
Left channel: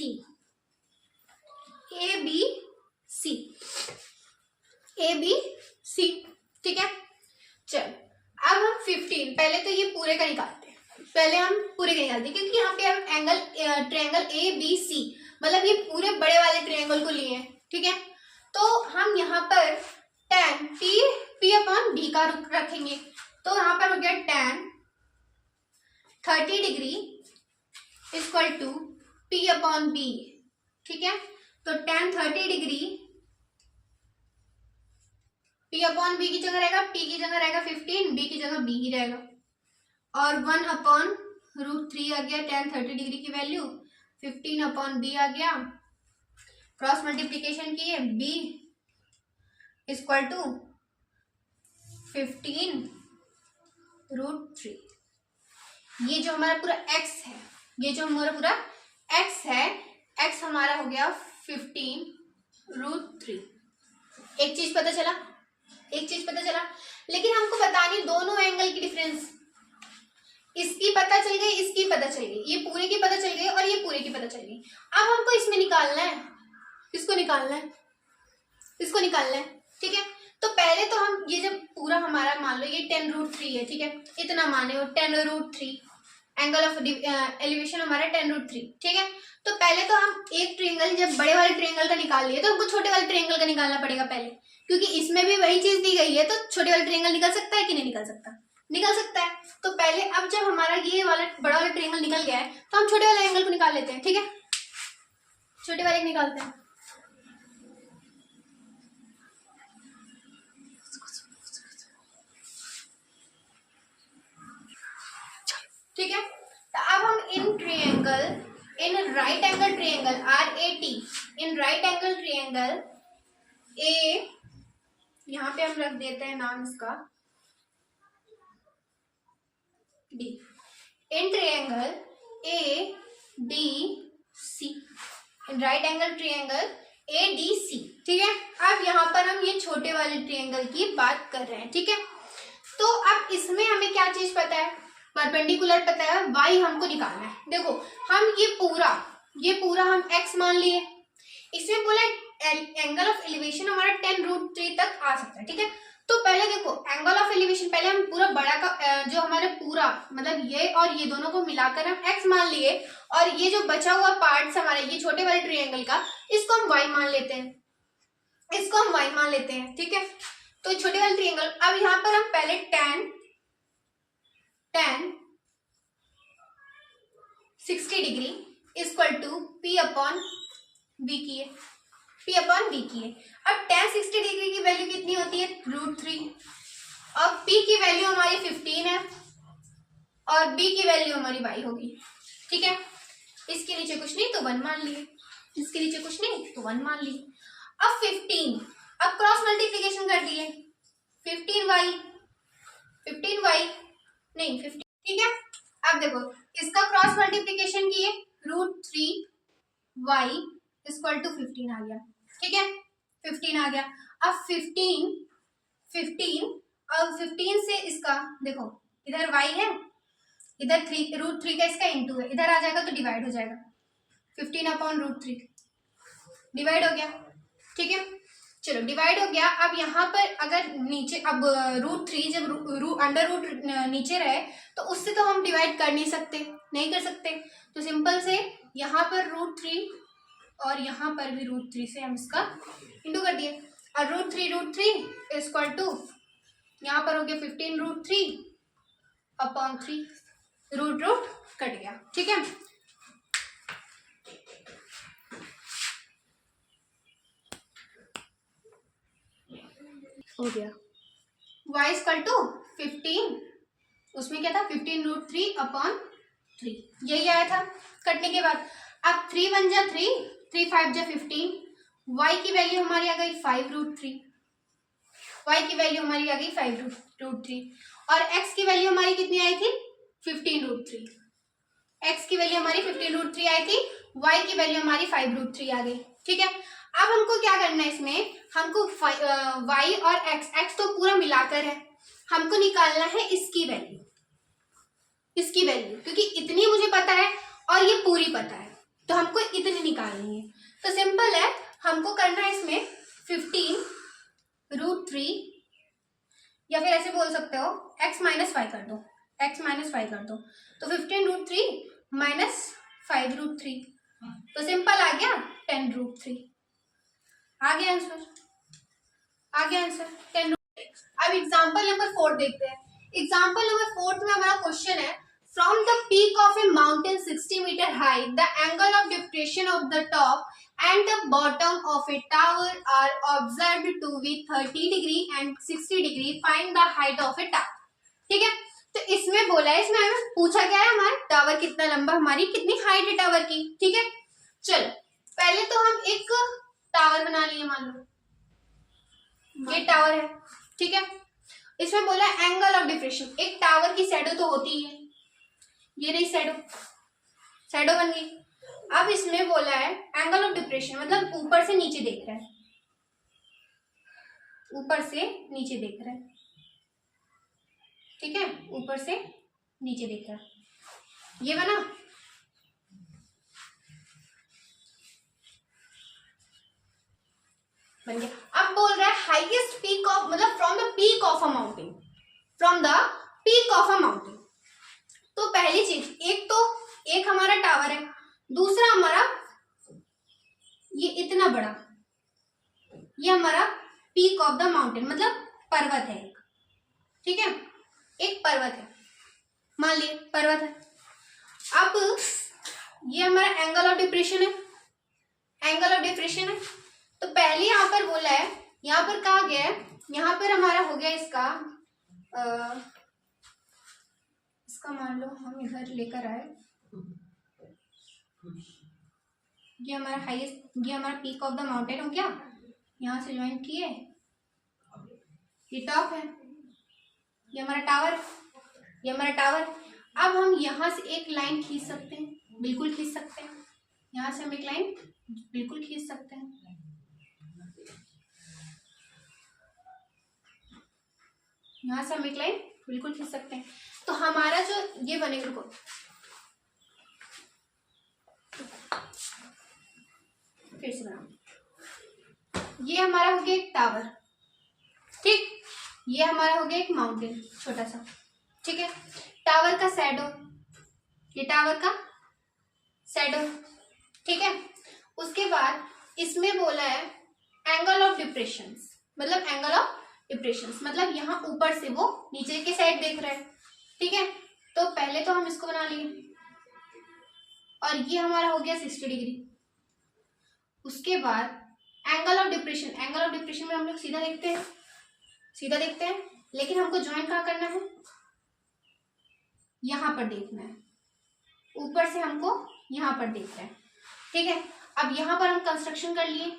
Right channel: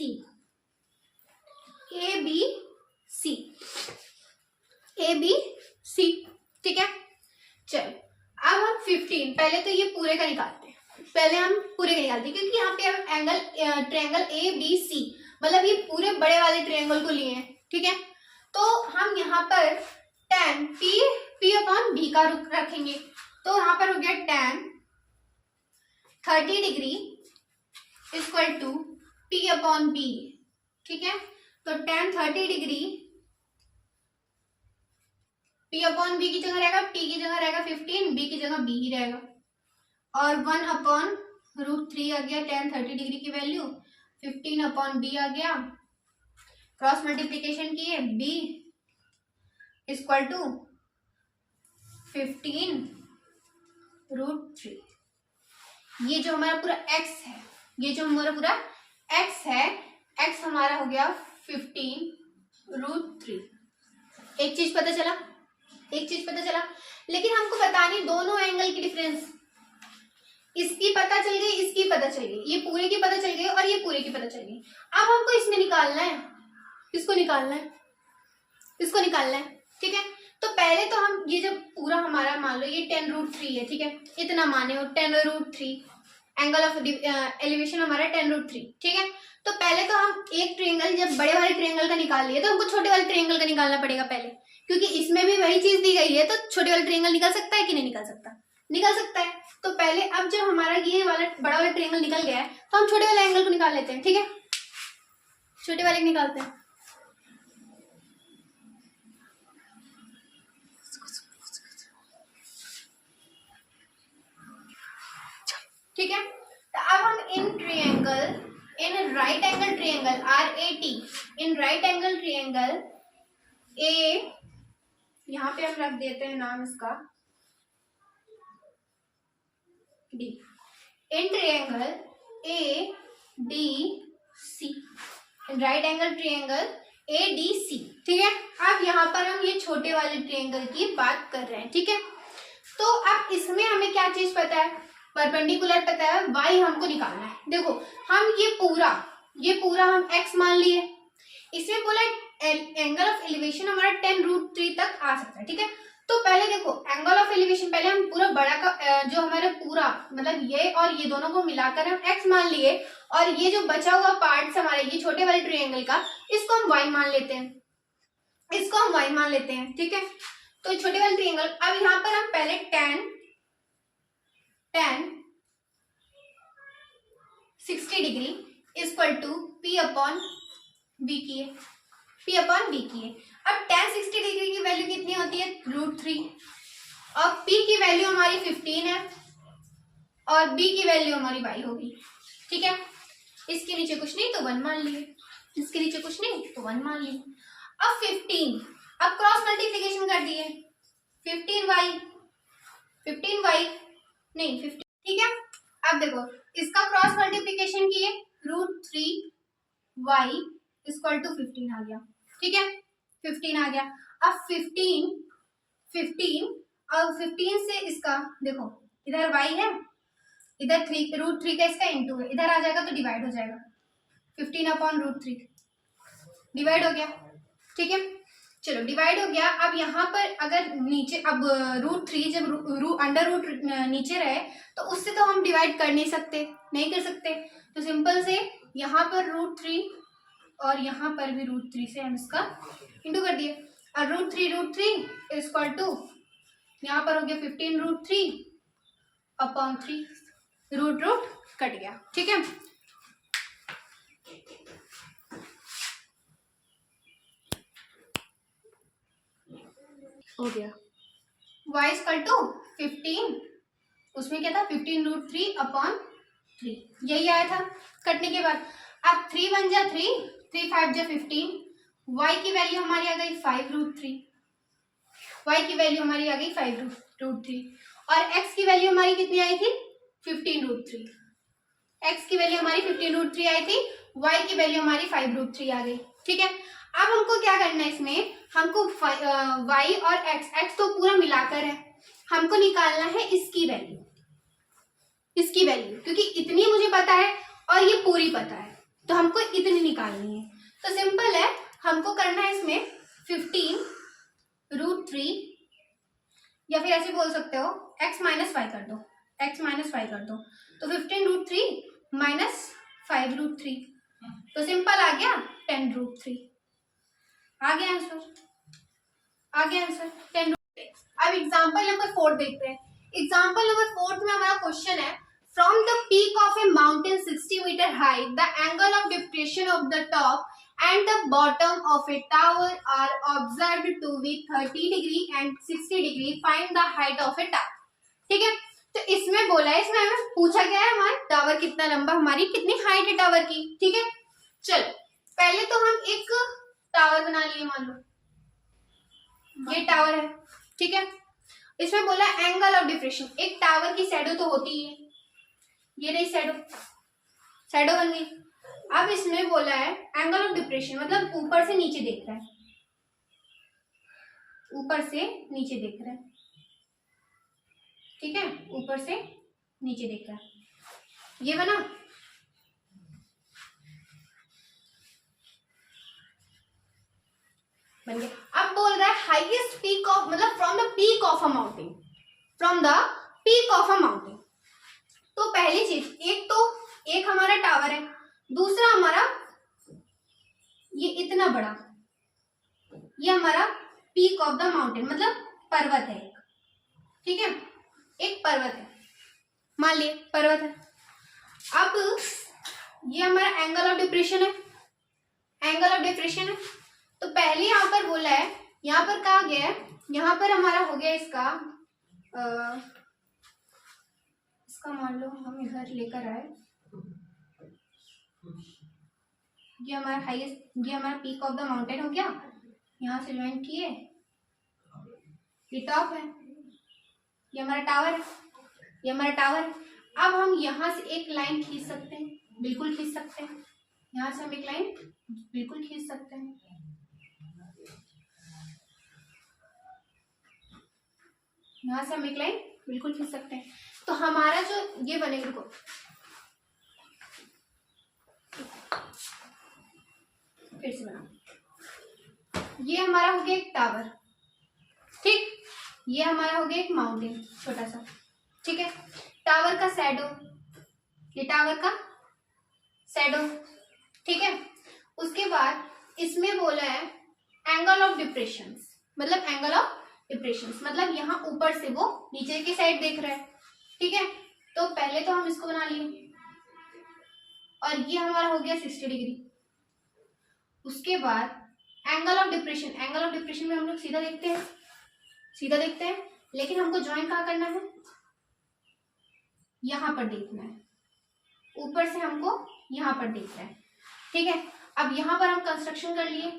ठीक है। चल अब हम 15, पहले तो ये पूरे का निकालते हैं, पहले हम पूरे का निकालते हैं क्योंकि यहाँ पे हम angle triangle A B C मतलब ये पूरे बड़े वाले ट्रायंगल को लिए हैं, ठीक है। तो हम यहाँ पर tan p अपॉन b का रखेंगे, तो यहाँ पर हो गया tan 30 degree equal to p upon b, ठीक है। तो tan 30 degree p upon b की जगह रहेगा, p की जगह रहेगा 15, b की जगह b ही रहेगा, और 1 अपॉन √3 आ गया tan 30 डिग्री की वैल्यू, 15 अपॉन b आ गया, क्रॉस मल्टीप्लीकेशन किए b इक्वल टू 15 √3। ये जो हमारा पूरा x है, ये जो हमारा पूरा x है, x हमारा हो गया 15 √3। एक चीज पता चला, एक चीज पता चला, लेकिन हमको बतानी दोनों एंगल की डिफरेंस। इसकी पता चल गई, इसकी पता चल गई, ये पूरे की पता चल गई और ये पूरे की पता चल गई। अब हमको इसमें निकालना है, इसको निकालना है, इसको निकालना है, ठीक है। तो पहले तो हम ये जब पूरा हमारा मान लो ये 10 √3 है, ठीक है, इतना माने हो 10 √3, एंगल ऑफ एलिवेशन हमारा 10 √3, ठीक है। तो पहले तो हम एक ट्रायंगल जब बड़े वाले ट्रायंगल का निकाल लिए तो हमको छोटे वाले ट्रायंगल का निकालना पड़ेगा पहले, क्योंकि इसमें भी वही चीज दी गई है, तो छोटे वाले ट्रायंगल निकल सकता है कि नहीं निकल सकता, निकल सकता है। तो पहले अब जब हमारा ये वाला बड़ा वाला ट्रायंगल निकल गया है तो हम छोटे वाले एंगल को निकाल लेते हैं, ठीक है, छोटे वाले को निकालते हैं। ठीक है, तो अब हम in triangle, in right angle triangle RAT, in right angle triangle ए, यहाँ पे हम रख देते हैं नाम इसका D, in triangle ADC, in right angle triangle ADC, ठीक है। अब यहाँ पर हम ये छोटे वाले ट्रायंगल की बात कर रहे हैं, ठीक है। तो अब इसमें हमें क्या चीज पता है, परपेंडिकुलर पता है, y हमको निकालना है। देखो हम ये पूरा हम x मान लिए, इसमें बोला एंगल ऑफ एलिवेशन हमारा 10 √3 तक आ सकता है, ठीक है। तो पहले देखो एंगल ऑफ एलिवेशन, पहले हम पूरा बड़ा का जो हमारे पूरा मतलब ये और ये दोनों को मिलाकर हम x मान लिए, और ये जो बचा हुआ पार्ट्स हमारे ये छोटे वाले ट्रायंगल का, इसको हम y मान लेते हैं, इसको हम y मान लेते हैं, ठीक है। तो छोटे वाले ट्रायंगल, अब यहाँ पर हम पहले tan 60 degree equal to p upon b किए, p अपॉन b किए। अब tan 60 डिग्री की वैल्यू कितनी होती है √3, और p की वैल्यू हमारी 15 है और b की वैल्यू हमारी y होगी, ठीक है। इसके नीचे कुछ नहीं तो 1 मान लिए, इसके नीचे कुछ नहीं तो 1 मान लिए। अब 15, अब क्रॉस मल्टीप्लीकेशन कर दिए, 15y नहीं 15, ठीक है। अब देखो इसका क्रॉस मल्टीप्लीकेशन किए, √3y इक्वल टू 15 आ गया, ठीक है, 15 आ गया। अब 15 अब 15 से इसका देखो इधर y है, इधर √3 का इसका इंटू है, इधर आ जाएगा तो डिवाइड हो जाएगा, 15 अपॉन √3 डिवाइड हो गया, ठीक है। चलो डिवाइड हो गया। अब यहाँ पर अगर नीचे अब √3 जब अंडर रूट नीचे रहे तो उससे तो हम डिवाइड कर नहीं सकते, नहीं कर सकते, तो सिंपल से यहाँ पर √3 और यहाँ पर भी √3 से हम इसका इंटू कर दिए, और √3 इक्वल टू यहाँ पर हो गया 15 √3 अपॉन 3, रूट कट गया, ठीक है। हो गया y इक्वल टू 15, उसमें क्या था 15 √3 अपॉन 3, यही आया था कटने के बाद। अब 3 1 जा 3, 3 5 जा 15, y की वैल्यू हमारी आ गई 5 √3, y की वैल्यू हमारी आ गई 5 √3, और x की वैल्यू हमारी कितनी आई थी 15 √3, x की वैल्यू हमारी 15 √3 आई थी, y की वैल्यू हमारी 5 √3 आ गई, ठीक है। अब हमको क्या करना है, इसमें हमको y और x तो पूरा मिलाकर है, हमको निकालना है इसकी वैल्यू, इसकी वैल्यू, क्योंकि इतनी मुझे पता है और ये पूरी पता है, तो हमको इतनी निकालनी है। तो सिंपल है, हमको करना है इसमें 15 √3 या फिर ऐसे बोल सकते हो x माइनस फाइव कर दो, x माइनस फाइव कर दो, तो 15√3 माइनस 5√3, तो सिंपल आ गया 10√3। आ गया आंसर, आ गया आंसर 10। अब एग्जाम्पल नंबर 4 देखते हैं। एग्जाम्पल नंबर 4 में हमारा क्वेश्चन है, from the peak of a mountain 60 metre high the angle of depression of the top and the bottom of a tower are observed to be 30 degree and 60 degree, find the height of a tower. ठीक है, तो इसमें बोला है, इसमें हमें पूछा गया है हमारा टावर कितना लंबा, हमारी कितनी हाइट है टावर की। ठीक है, चलो पहले तो हम एक टावर बना लिए, मान लो ये टावर है। ठीक है, इसमें बोला एंगल ऑफ डिप्रेशन, एक टावर की शैडो तो होती है, ये रही शैडो, शैडो बन गई। अब इसमें बोला है एंगल ऑफ डिप्रेशन, मतलब ऊपर से नीचे देख रहा है, ऊपर से नीचे देख रहा है। ठीक है, ऊपर से नीचे देख रहा है, ये बना। बन गया। अब बोल रहा है हाईएस्ट पीक ऑफ, मतलब from the peak of a mountain, from the peak of a mountain. तो पहली चीज, एक हमारा टावर है, दूसरा हमारा ये इतना बड़ा, ये हमारा पीक ऑफ द माउंटेन, मतलब पर्वत है एक। ठीक है, एक पर्वत है, मान लिए पर्वत है। अब ये हमारा एंगल ऑफ डिप्रेशन है, एंगल ऑफ डिप्रेशन है। तो पहले यहाँ पर बोला है, यहाँ पर कहा गया है, यहाँ पर हमारा हो गया इसका इसका मान लो हम इधर लेकर आए, ये हमारा हाईएस्ट, ये हमारा पीक ऑफ द माउंटेन हो गया, यहाँ से ज्वाइन किए, ये टॉप है, ये हमारा टावर है, ये हमारा टावर है। अब हम यहाँ से एक लाइन खींच सकते हैं, बिल्कुल खींच सकते हैं, यहाँ से हम एक लाइन बिल्कुल खींच सकते हैं। यहाँ से हम एक लाइन बिल्कुल खींच सकते हैं। तो हमारा जो ये बनेगा, रुको फिर से बना, ये हमारा हो गया एक टावर। ठीक, ये हमारा हो गया एक माउंटेन छोटा सा। ठीक है, टावर का शैडो, ये टावर का शैडो। ठीक है, उसके बाद इसमें बोला है एंगल ऑफ डिप्रेशन, मतलब एंगल ऑफ डिप्रेशन मतलब यहाँ ऊपर से वो नीचे के साइड देख रहा है। ठीक है, तो पहले तो हम इसको बना लिए, और ये हमारा हो गया 60 डिग्री। उसके बाद angle of depression, angle of depression में हम लोग सीधा देखते हैं, सीधा देखते हैं, लेकिन हमको ज्वाइन कहाँ करना है, यहाँ पर देखना है, ऊपर से हमको यहाँ पर देखना है। ठीक है, अब यहाँ पर हम कंस्ट्रक्शन कर लिए,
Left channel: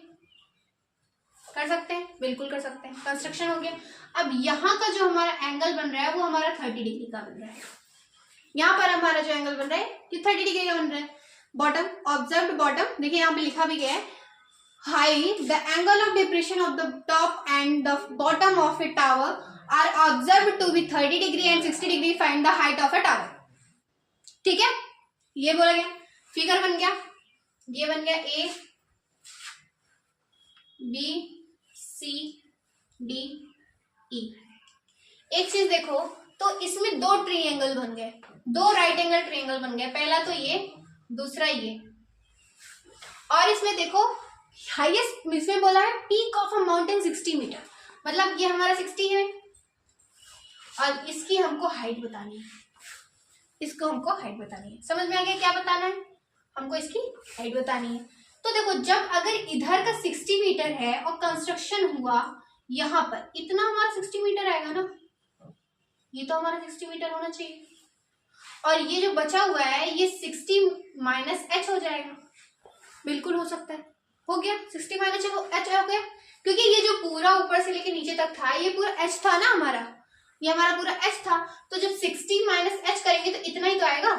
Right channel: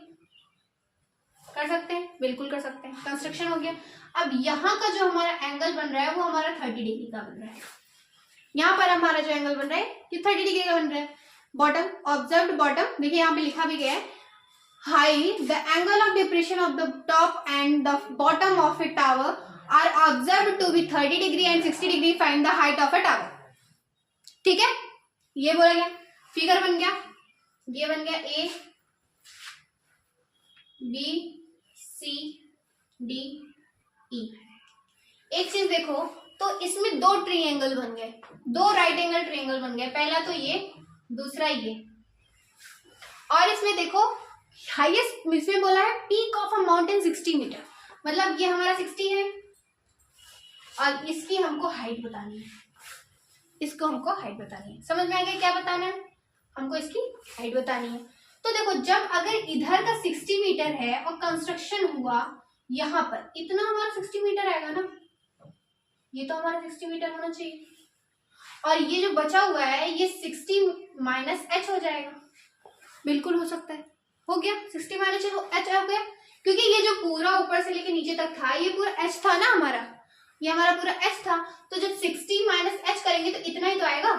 कर सकते हैं, बिल्कुल कर सकते हैं, कंस्ट्रक्शन हो गया। अब यहाँ का जो हमारा एंगल बन रहा है वो हमारा 30 डिग्री का बन रहा है। यहाँ पर हमारा जो एंगल बन रहा है ये 30 डिग्री का बन रहा है। बॉटम, ऑब्जर्व्ड बॉटम, देखिए यहाँ पे लिखा भी गया है, high the angle of depression of the top and the bottom of a tower are observed to be 30 degree and 60 degree, find the height of a tower. ठीक है, ये बोला गया, फिगर बन गया, ये बन गया ए बी सी डी ई। एक चीज देखो, तो इसमें दो ट्रायंगल बन गए, दो राइट एंगल ट्रायंगल बन गए, पहला तो ये, दूसरा ये। और इसमें देखो हाईएस्ट, इसमें बोला है peak of a mountain 60 metre, मतलब ये हमारा 60 है, और इसकी हमको हाइट बतानी है, इसको हमको हाइट बतानी है। समझ में आ गया क्या बताना है, हमको इसकी हाइट बतानी है। तो देखो, जब अगर इधर का 60 मीटर है और कंस्ट्रक्शन हुआ यहाँ पर, इतना हमारा 60 मीटर आएगा ना, ये तो हमारा 60 मीटर होना चाहिए, और ये जो बचा हुआ है ये 60 माइनस एच हो जाएगा, बिल्कुल हो सकता है, हो गया 60 माइनस एच हो गया, क्योंकि ये जो पूरा ऊपर से लेके नीचे तक था ये पूरा एच था ना हमारा, ये हमारा पूरा एच था। तो जब 60 माइनस एच करेंगे तो इतना ही तो आएगा,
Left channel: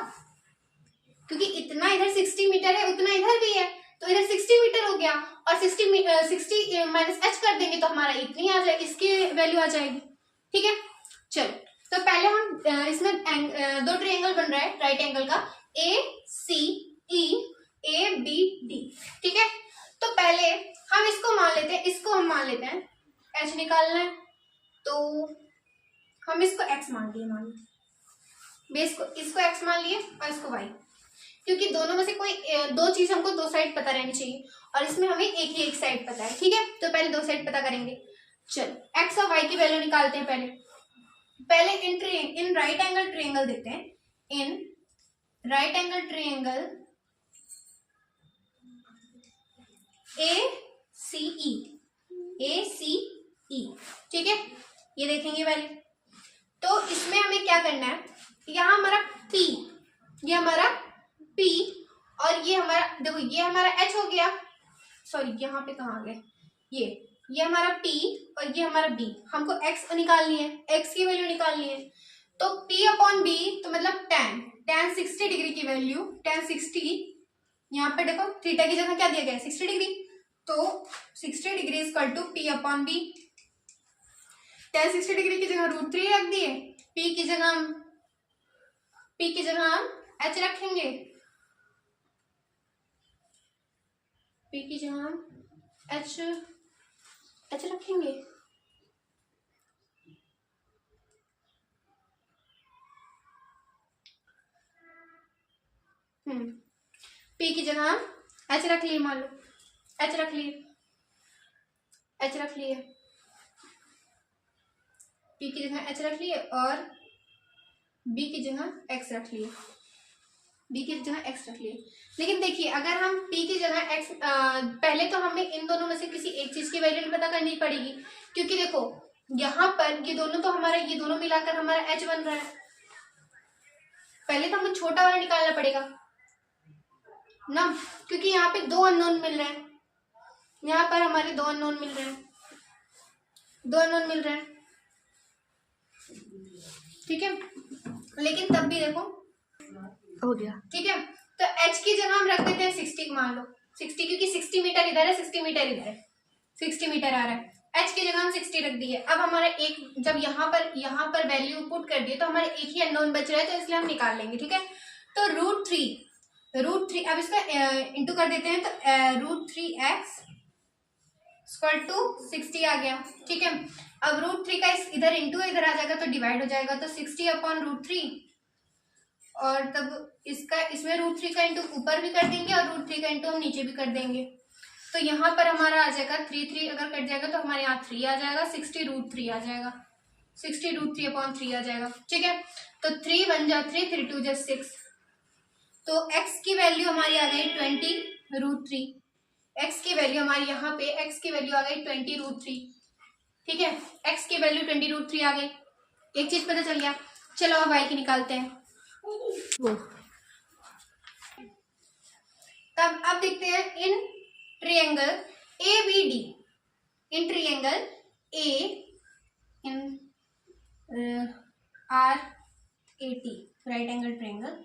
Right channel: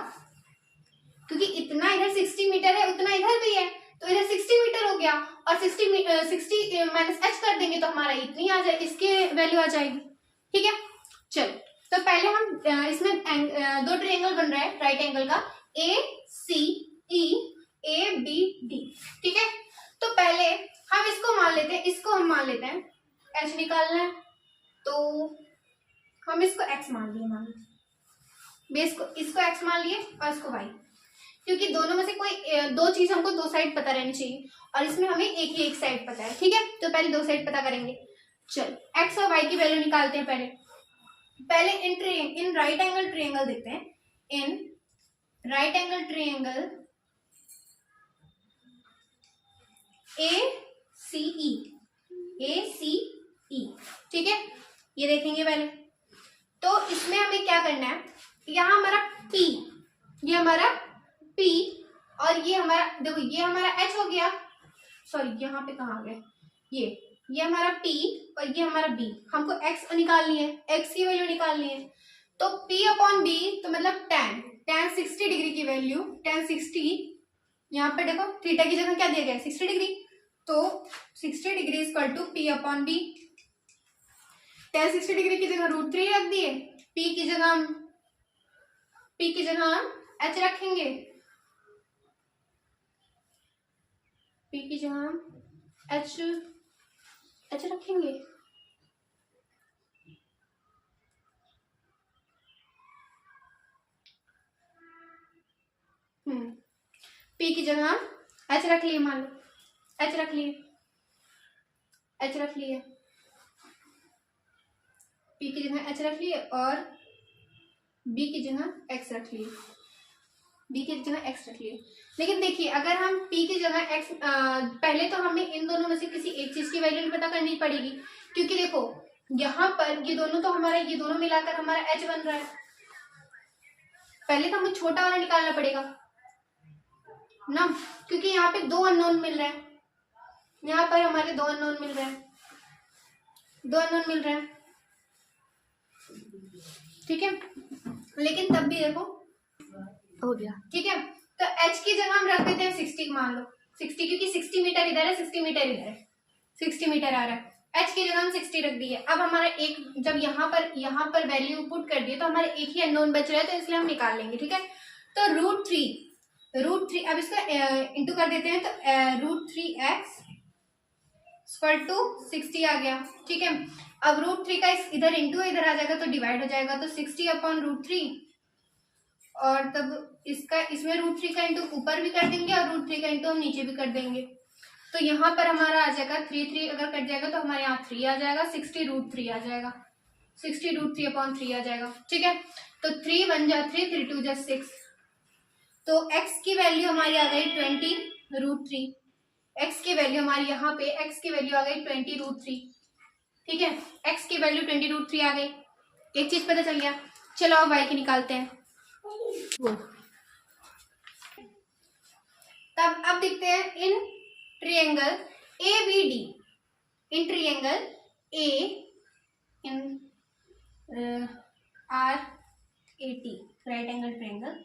क्योंकि इतना इधर 60 मीटर है, उतना इधर भी है, तो इधर 60 मीटर हो गया, और 60 माइनस एच कर देंगे तो हमारा इतनी आ जाए, इसकी वैल्यू आ जाएगी। ठीक है, चलो तो पहले हम इसमें दो ट्रायंगल बन रहा है राइट एंगल का, ए सी ई, ए बी डी। ठीक है, तो पहले हम इसको मान लेते हैं, इसको हम मान लेते हैं, एच निकालना है, तो हम इसको x मान लिए, मान लो बेस को, इसको x मान लिए और इसको y, क्योंकि दोनों में से कोई दो चीज हमको दो साइड पता रहनी चाहिए और इसमें हमें एक ही एक साइड पता है, ठीक है। तो पहले दो साइड पता करेंगे। चलो x और y की वैल्यू निकालते हैं। पहले इन राइट एंगल ट्रायंगल देखते हैं। In right angle triangle ACE, ठीक है, ये देखेंगे पहले। तो इसमें हमें क्या करना है, यहाँ हमारा P, ये हमारा P और ये हमारा, देखो ये हमारा H हो गया, सॉरी यहाँ पे कहाँ आ गया, ये हमारा P और ये हमारा B। हमको x निकालनी है, x की वैल्यू निकालनी है। तो P अपॉन B, तो मतलब tan 60 डिग्री की वैल्यू, tan 60, यहाँ पे देखो थीटा की जगह क्या दिया गया है 60 डिग्री, तो 60 degree equal to P upon B। tan 60 degree की जगह √3 रख दिए, P की जगह हम H रखेंगे, P की जगह हम H रखेंगे। P की जगह हम H रख लिए, मान लो H रख लिए, P की जगह H रख लिए और B की जगह X रख लिए, लेकिन देखिए अगर हम P की जगह X, पहले तो हमें इन दोनों में से किसी एक चीज की वैल्यू पता करनी पड़ेगी, क्योंकि देखो यहाँ पर ये दोनों तो हमारा, ये दोनों मिलाकर हमारा H बन रहा है। पहले तो हमें छोटा वाला निकालना पड़ेगा ना, क्योंकि यहाँ पे दो अननोन मिल रहे हैं, यहाँ पर हमारे दो अननोन मिल रहे हैं, ठीक है। लेकिन तब भी देखो हो गया, ठीक है। तो h की जगह हम रख देते हैं 60, मान लो 60, क्योंकि 60 मीटर इधर है, 60 मीटर इधर है, 60 मीटर आ रहा है। h की जगह हम 60 रख दिए। अब हमारा एक, जब यहाँ पर वैल्यू पुट कर दिए तो हमारे एक ही अननोन बच रहा है, तो इसलिए हम निकाल लेंगे, ठीक है। तो √3, अब इसका इंटू कर देते हैं, तो √3x इक्वल टू 60 आ गया, ठीक है। अब √3 का इधर इंटू इधर आ जाएगा तो डिवाइड हो जाएगा, तो 60 अपॉन √3, और तब इसमें √3 का इंटू ऊपर भी कर देंगे और √3 का इंटू हम नीचे भी कर देंगे। तो यहाँ पर हमारा आ जाएगा 3 अगर कट जाएगा तो हमारे यहाँ 3 आ जाएगा, 60 √3 आ जाएगा, 60 √3 अपॉन 3 आ जाएगा, ठीक है। तो 3 1 जा 3, 3 2 जा 6, तो x की वैल्यू हमारी आ गई 20 √3, x की वैल्यू हमारी यहाँ पे x की वैल्यू आ गई 20 √3, ठीक है। x की वैल्यू 20 √3 आ गई, एक चीज पता चल गया। चलो अब y की निकालते हैं। तब अब देखते हैं in triangle ABD, in triangle RAT, right angle triangle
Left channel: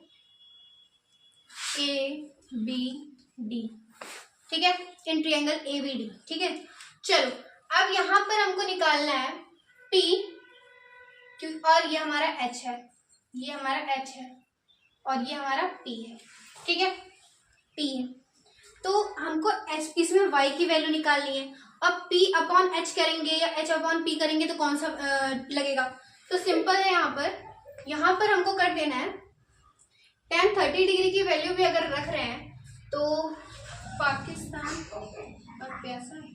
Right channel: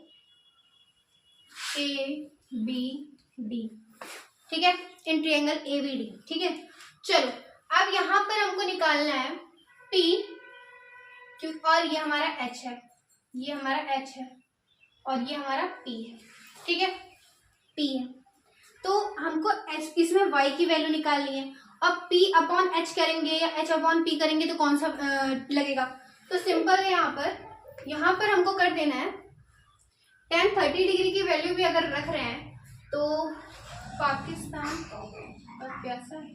ABD, ठीक है, इन ट्रायंगल ABD, ठीक है। चलो अब यहाँ पर हमको निकालना है P, और ये हमारा H है, ये हमारा H है और ये हमारा P है, ठीक है, P है। तो हमको H, इसमें y की वैल्यू निकालनी है। अब P अपॉन H करेंगे या H अपॉन P करेंगे तो कौन सा लगेगा, तो सिंपल है, यहाँ पर हमको कर देना है tan 30 डिग्री की वैल्यू भी अगर रख रहे हैं तो पाकिस्तान और प्यासा है,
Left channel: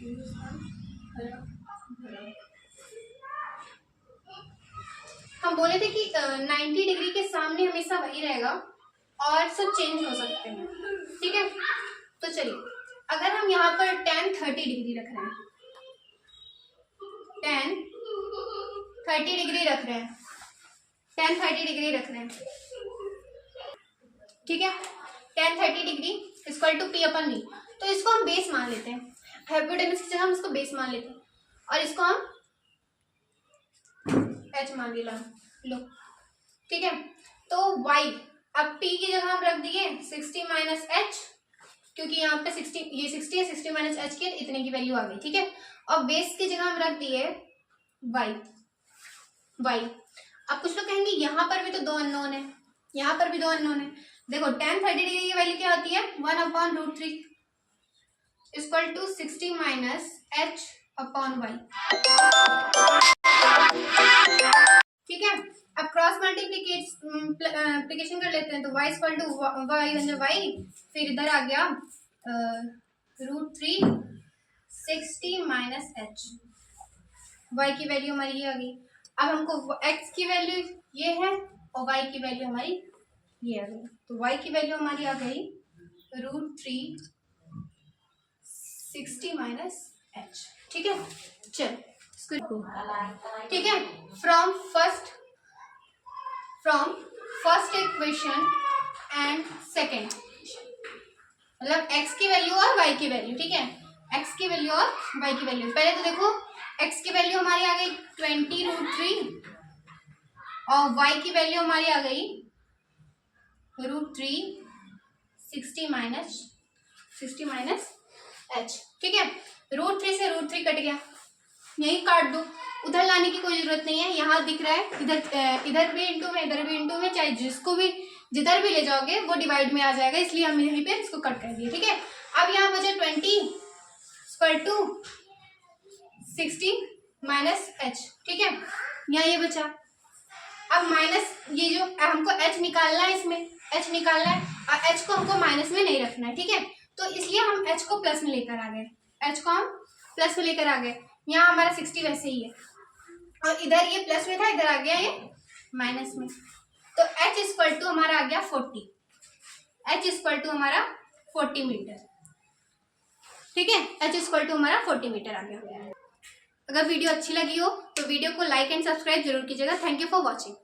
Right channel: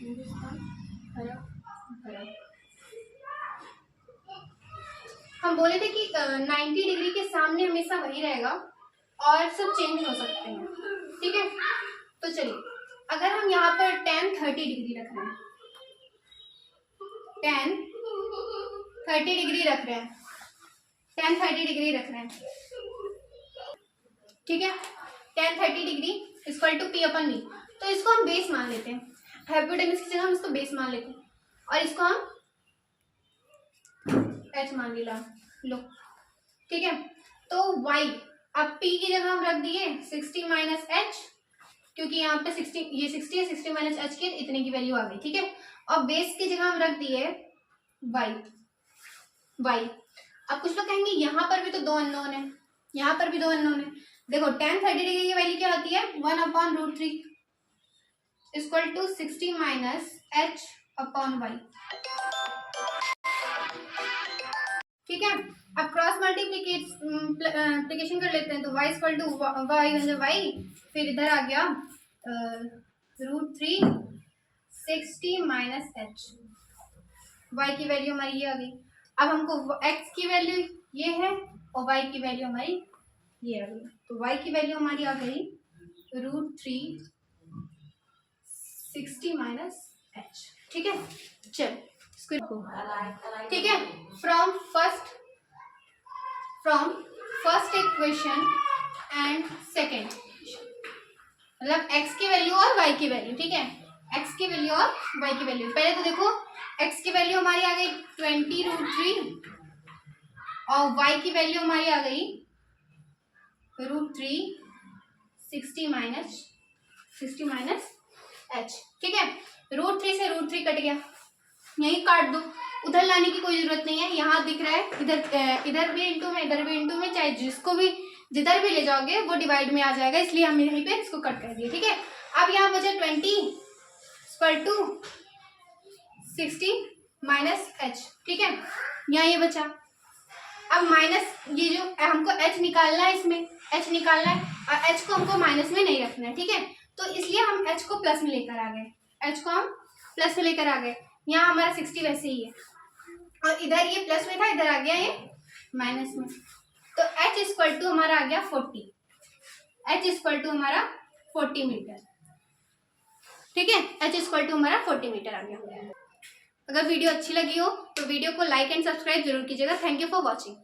हिंदुस्तान हरा भरा। हम बोले थे कि 90 डिग्री के सामने हमेशा वही रहेगा और सब चेंज हो सकते हैं, ठीक है। तो चलिए अगर हम यहाँ पर tan 30 डिग्री रख रहे हैं, tan 30 डिग्री रख रहे हैं, ठीक है, tan 30 degree equal to P upon V। तो इसको हम बेस मान लेते हैं, हाइपोटेन्यूज की जगह हम इसको बेस मान लेते हैं और इसको हम H मान लो, ठीक है। तो y, अब P की जगह हम रख दिए 60 माइनस H, क्योंकि यहाँ पे 60, ये 60 है, 60 माइनस H की इतने की वैल्यू आ गई, ठीक है। और बेस की जगह हम रख दिए y। अब कुछ लोग कहेंगे यहाँ पर भी तो दो अननोन है, यहाँ पर भी दो अननोन है। देखो tan 30 डिग्री की वैल्यू क्या होती है, 1 upon √3 equal to 60 minus H upon y। ठीक है, अब क्रॉस मल्टीप्लिकेशन कर लेते हैं। तो y इक्वल टू वाई, फिर इधर आ गया √360 माइनस एच। y की वैल्यू हमारी ये आ गई। अब हमको x की वैल्यू ये है और y की वैल्यू हमारी ये आ गई। तो y की वैल्यू हमारी आ गई √360 माइनस एच। ठीक है, चल ठीक है, from first equation and second, मतलब x की वैल्यू और y की वैल्यू। ठीक है, x की वैल्यू और y की वैल्यू। पहले तो देखो x की वैल्यू हमारी आ गई 20√3 और y की वैल्यू हमारी आ गई √360 माइनस एच। ठीक है, √3 से √3 कट गया, यही काट दो, उधर लाने की कोई जरूरत नहीं है। यहाँ दिख रहा है, इधर भी इंटू में, इधर भी इंटू में, चाहे जिसको भी जिधर भी ले जाओगे वो डिवाइड में आ जाएगा, इसलिए हम यहीं पे इसको कट कर दिए। ठीक है, अब यहाँ बचा 20/60 माइनस एच। ठीक है, यहाँ ये बचा। अब माइनस ये जो हमको एच निकालना है, इसमें एच निकालना है और एच को हमको माइनस में नहीं रखना है। ठीक है, तो इसलिए हम एच को प्लस में लेकर आ गए, एच को हम प्लस में लेकर आ गए। यहाँ हमारा 60 वैसे ही है और इधर ये प्लस में था, इधर आ गया ये माइनस में। तो h इक्वल टू हमारा आ गया 40, h इक्वल टू हमारा 40 मीटर। ठीक है, h इक्वल टू हमारा 40 मीटर आ गया। अगर वीडियो अच्छी लगी हो तो वीडियो को लाइक एंड सब्सक्राइब जरूर कीजिएगा। Thank you for watching.